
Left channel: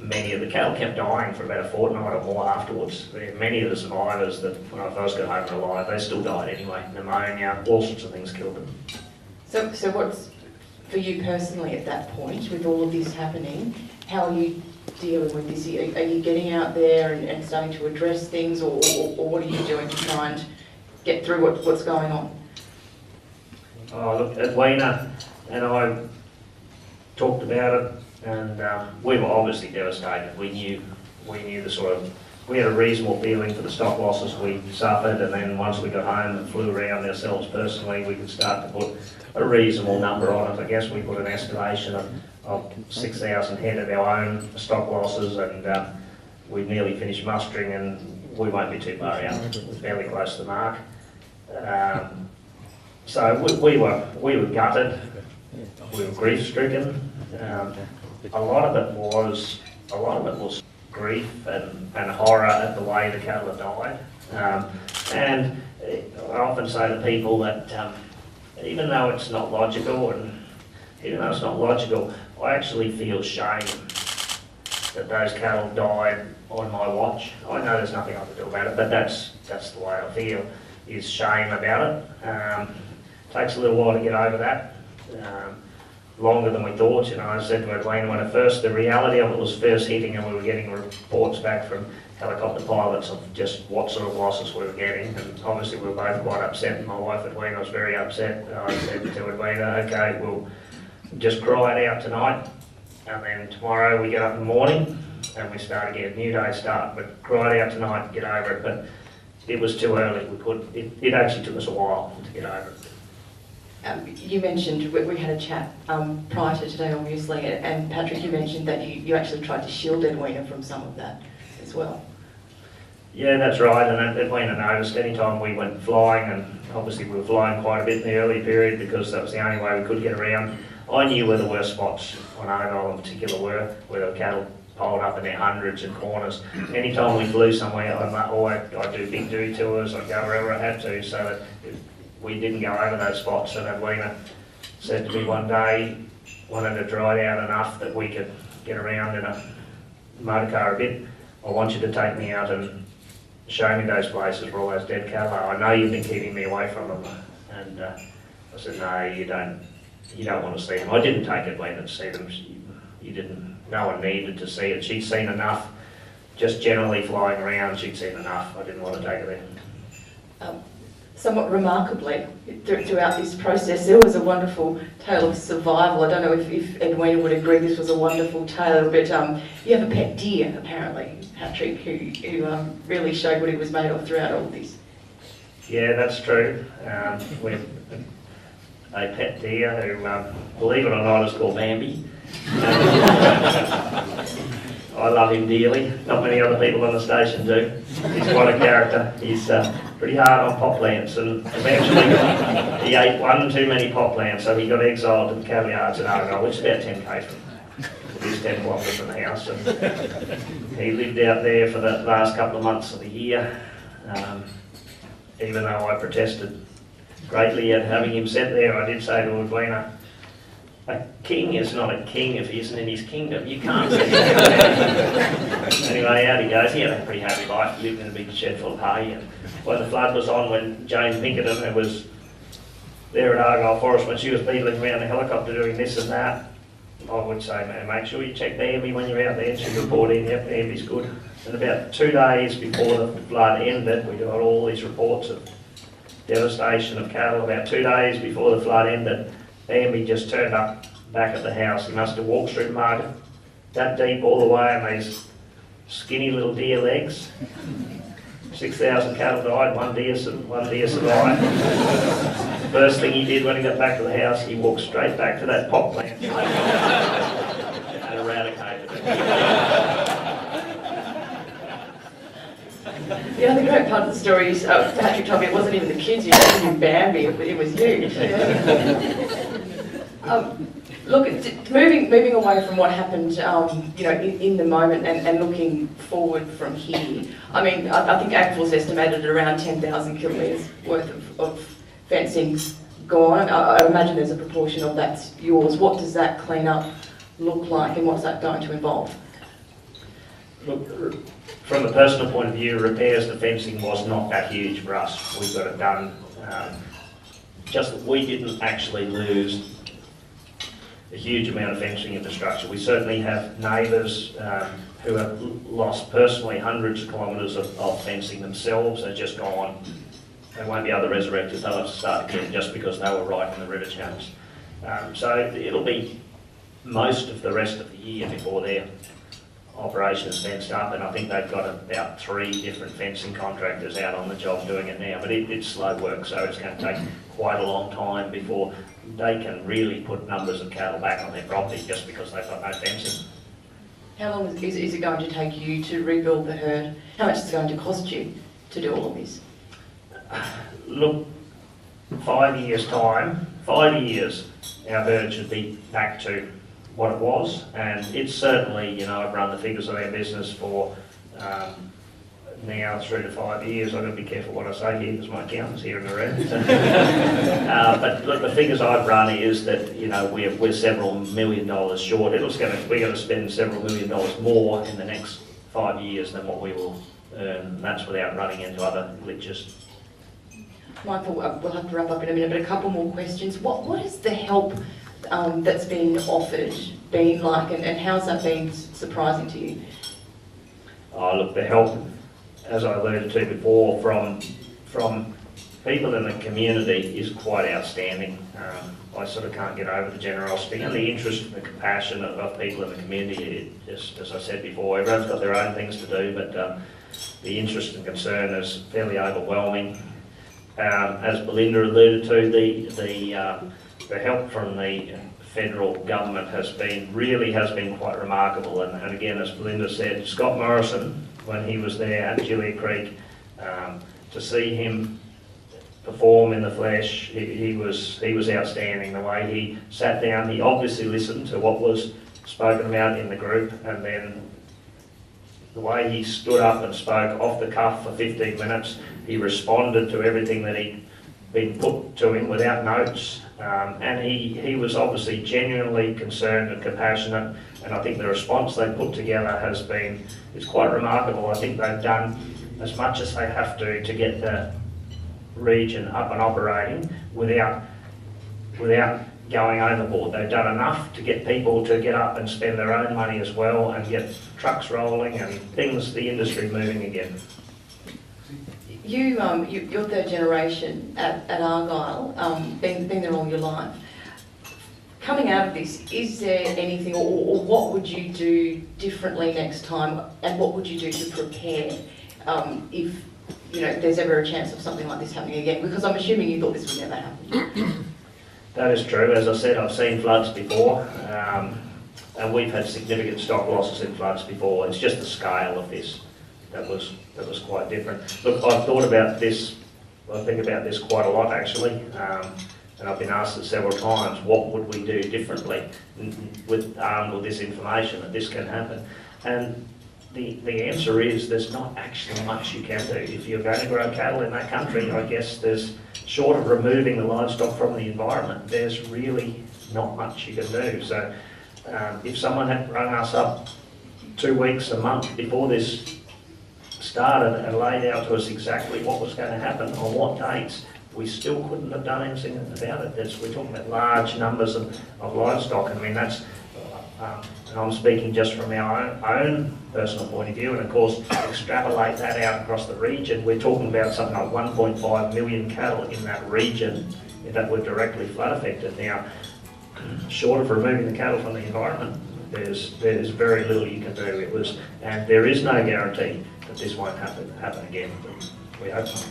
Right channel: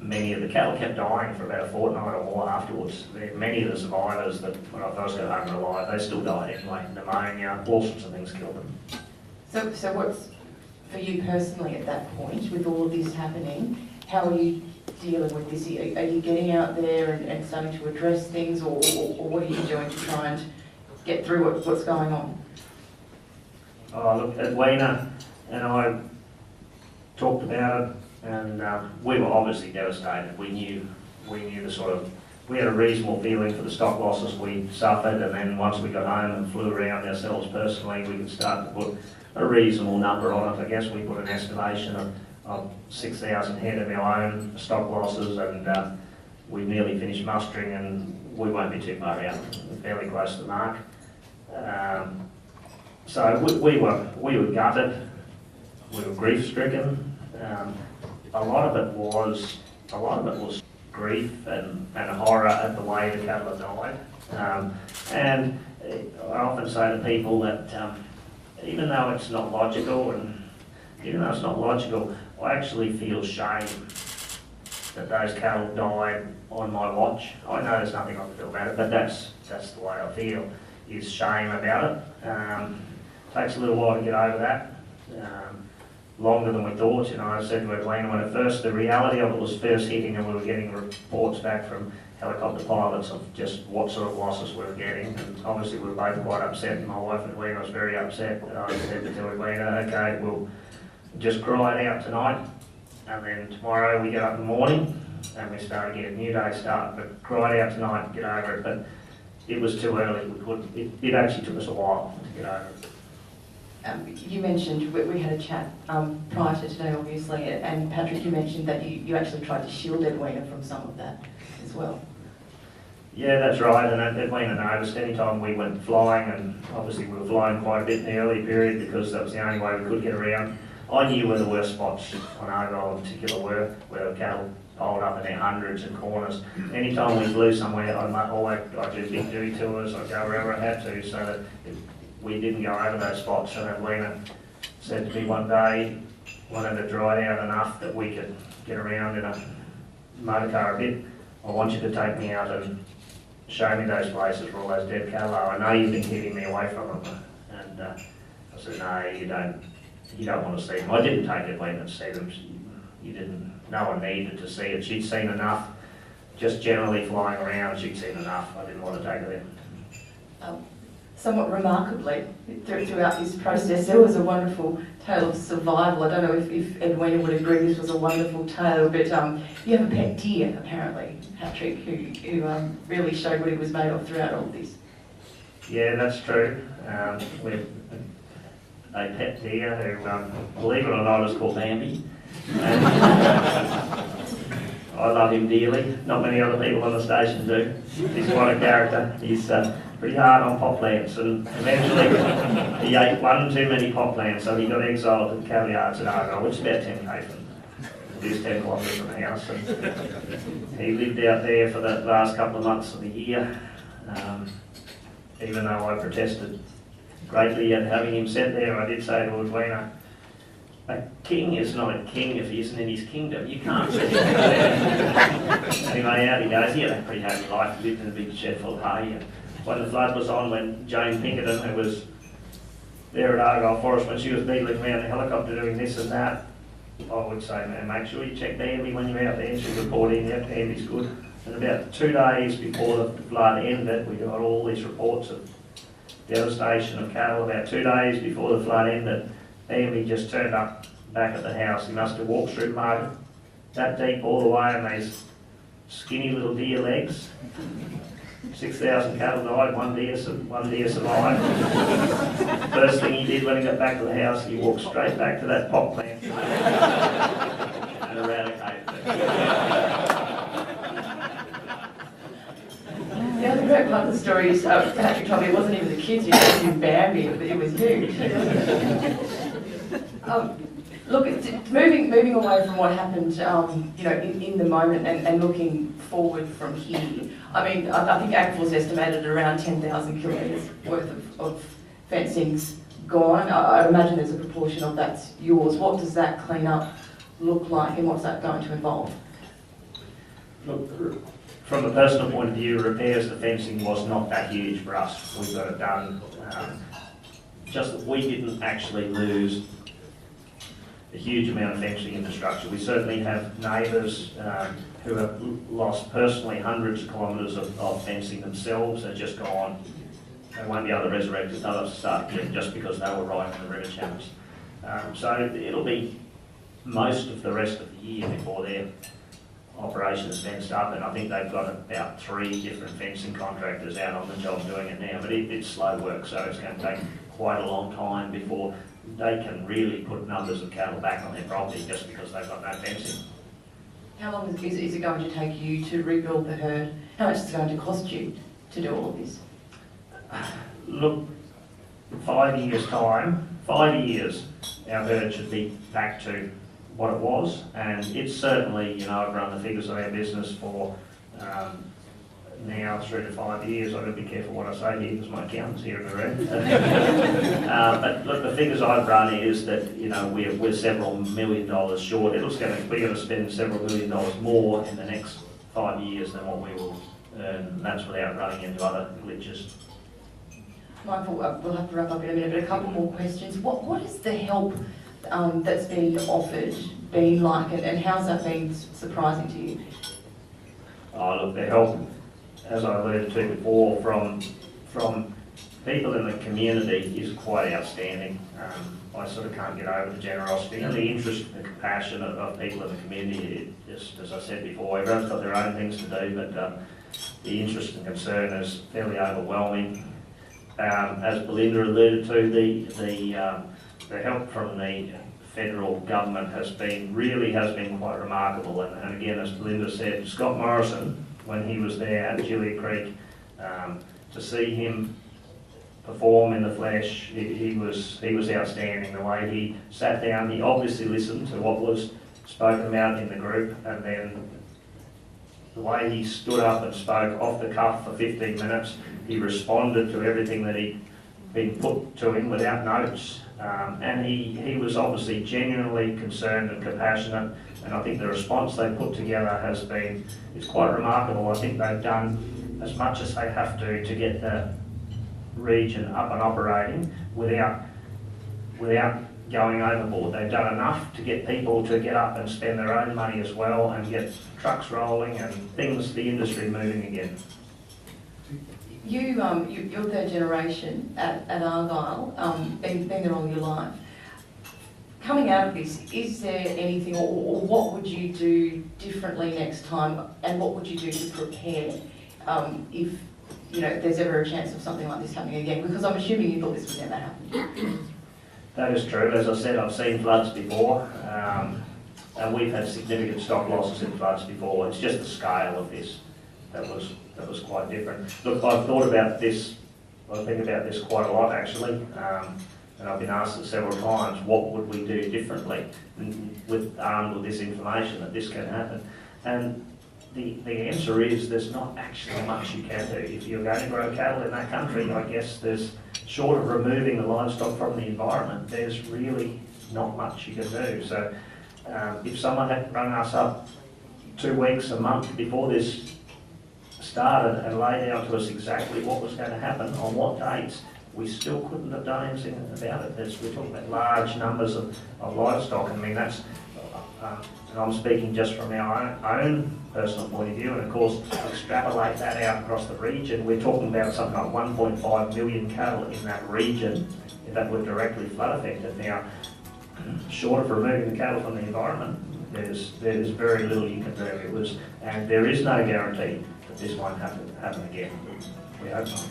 many of the cattle kept dying for about a fortnight or more afterwards. Many of the survivors that when I first got home were alive, they still died anyway. Pneumonia, all sorts of things killed them. So what's, for you personally at that point, with all of this happening, how are you dealing with this? Are you getting out there and starting to address things, or what are you doing to try and get through what's going on? Look, Edwina and I talked about it, and we were obviously devastated. We knew we had a reasonable feeling for the stock losses we suffered, and then once we got home and flew around ourselves personally, we could start to put a reasonable number on it. I guess we put an estimation of 6,000 head of our own stock losses, and we nearly finished mustering, and we won't be too far out. We're fairly close to the mark. So we were gutted. We were grief-stricken. A lot of it was grief and horror at the way the cattle had died. And I often say to people that even though it's not logical, I actually feel shame that those cattle died on my watch. I know there's nothing I can do about it, but that's the way I feel, is shame about it. Takes a little while to get over that. Longer than we thought, you know. I said to Edwina when the reality of it was first hitting, and we were getting reports back from helicopter pilots of just what sort of losses we were getting, and obviously we were both quite upset, and my wife Edwina was very upset. And I said to Edwina, okay, we'll just cry it out tonight, and then tomorrow we get up in the morning and we start again, new day start, but cry it out tonight and get over it. But it was too early. It actually took us a while to get over it. You mentioned, we had a chat prior to today obviously, and Patrick, you mentioned that you actually tried to shield Edwina from some of that as well. Yeah, that's right, and Edwina noticed any time we went flying, and obviously we were flying quite a bit in the early period because that was the only way we could get around. I knew where the worst spots on Argyle in particular were, where the cattle piled up in their hundreds and corners. Anytime we flew somewhere, I'd do big do tours, I'd go wherever I had to, so that we didn't go over those spots, and Edwina said to me one day, wanted to dry out enough that we could get around in a motor car a bit. I want you to take me out and show me those places where all those dead cattle are. I know you've been keeping me away from them. And I said, no, you don't want to see them. I didn't take Edwina to see them. No one needed to see it. She'd seen enough, just generally flying around, she'd seen enough. I didn't want to take her there. Somewhat remarkably, throughout this process, there was a wonderful tale of survival. I don't know if Edwina would agree this was a wonderful tale, but you have a pet deer, apparently, Patrick, who really showed what he was made of throughout all this. Yeah, that's true. We have a pet deer who, believe it or not, is called Bambi. I love him dearly. Not many other people on the station do. He's quite a character. He's pretty hard on pop plants, and eventually he ate one too many pop plants, so he got exiled to the cattle yards in Argyle, which is about 10k from it is 10 kilometres from the house. And he lived out there for the last couple of months of the year, even though I protested greatly at having him set there. I did say to Edwina, a king is not a king if he isn't in his kingdom. You can't set him there. Anyway, out he goes. He had a pretty happy life. He lived in a big shed full of hay. And when the flood was on, when Jane Pinkerton, who was there at Argyle Forest, when she was beetling around the helicopter doing this and that, I would say, man, make sure you check Bambi when you're out there. And she'd report in, yep, Bambi's good. And about 2 days before the flood ended, we got all these reports of devastation of cattle. About 2 days before the flood ended, Bambi just turned up back at the house. He must have walked through the market that deep all the way on these skinny little deer legs. 6,000 cattle died, one deer survived. First thing he did when he got back to the house, he walked straight back to that pop plant and eradicated it. The other great part of the story is Patrick told me it wasn't even the kids who did Bambi, it was you. Look, moving away from what happened, in the moment and looking forward from here. I mean, I think AgForce estimated around 10,000 kilometres worth of fencing gone. I imagine there's a proportion of that's yours. What does that clean up look like, and what's that going to involve? Look, from a personal point of view, repairs to fencing was not that huge for us. We got it done. Just that we didn't actually lose a huge amount of fencing infrastructure. We certainly have neighbours who have lost personally hundreds of kilometres of fencing themselves and just gone. They won't be able to resurrect it. They'll have to start again just because they were right in the river channels. So it'll be most of the rest of the year before their operation is fenced up, and I think they've got about 3 different fencing contractors out on the job doing it now, but it's slow work, so it's going to take quite a long time before they can really put numbers of cattle back on their property just because they've got no fencing. How long is it going to take you to rebuild the herd? How much is it going to cost you to do all of this? Look, 5 years' time, 5 years, our herd should be back to what it was, and it's certainly, I've run the figures of our business for now 3 to 5 years. I've got to be careful what I say here because my accountant's here in the room. But look, the figures I've run is that we're several $1 million short. We're going to spend several $1 million more in the next 5 years than what we will earn. And that's without running into other glitches. Michael, we'll have to wrap up in a minute, but a couple more questions. What is the help that's been offered been like, and how's that been surprising to you? Oh, look, the help, as I alluded to before, from people in the community is quite outstanding. I sort of can't get over the generosity and the interest and the compassion of people in the community. Just as I said before, everyone's got their own things to do, but the interest and concern is fairly overwhelming. As Belinda alluded to, the help from the federal government has been quite remarkable. And again, as Belinda said, Scott Morrison, when he was there at Julia Creek, to see him perform in the flesh, he was outstanding. The way he sat down, he obviously listened to what was spoken about in the group, and then the way he stood up and spoke off the cuff for 15 minutes, he responded to everything that he been put to him without notes, and he was obviously genuinely concerned and compassionate, and I think the response they put together is quite remarkable. I think they've done as much as they have to get the region up and operating without going overboard. They've done enough to get people to get up and spend their own money as well and get trucks rolling and the industry moving again. You're third generation at Argyle, been there all your life. Coming out of this, is there anything, or what would you do differently next time, and what would you do to prepare if there's ever a chance of something like this happening again? Because I'm assuming you thought this would never happen. That is true. As I said, I've seen floods before, and we've had significant stock losses in floods before. It's just the scale of this that was quite different. Look, I've thought about this. I think about this quite a lot actually, and I've been asked it several times. What would we do differently with this information that this can happen? And the answer is there's not actually much you can do. If you're going to grow cattle in that country, I guess there's, short of removing the livestock from the environment, there's really not much you can do. So if someone had rung us up 2 weeks, a month before this started and laid out to us exactly what was going to happen on what dates, we still couldn't have done anything about it. We're talking about large numbers of livestock. I mean, that's, and I'm speaking just from our own personal point of view, and of course extrapolate that out across the region. We're talking about something like 1.5 million cattle in that region that were directly flood affected. Now, short of removing the cattle from the environment, there's very little you can do. And there is no guarantee that this won't happen again. We hope not.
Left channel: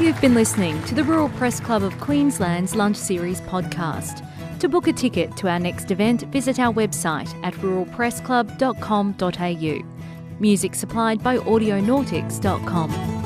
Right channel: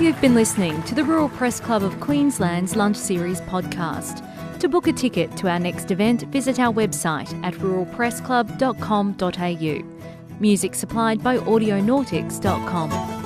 You've been listening to the Rural Press Club of Queensland's Lunch Series podcast. To book a ticket to our next event, visit our website at ruralpressclub.com.au. Music supplied by audionautics.com.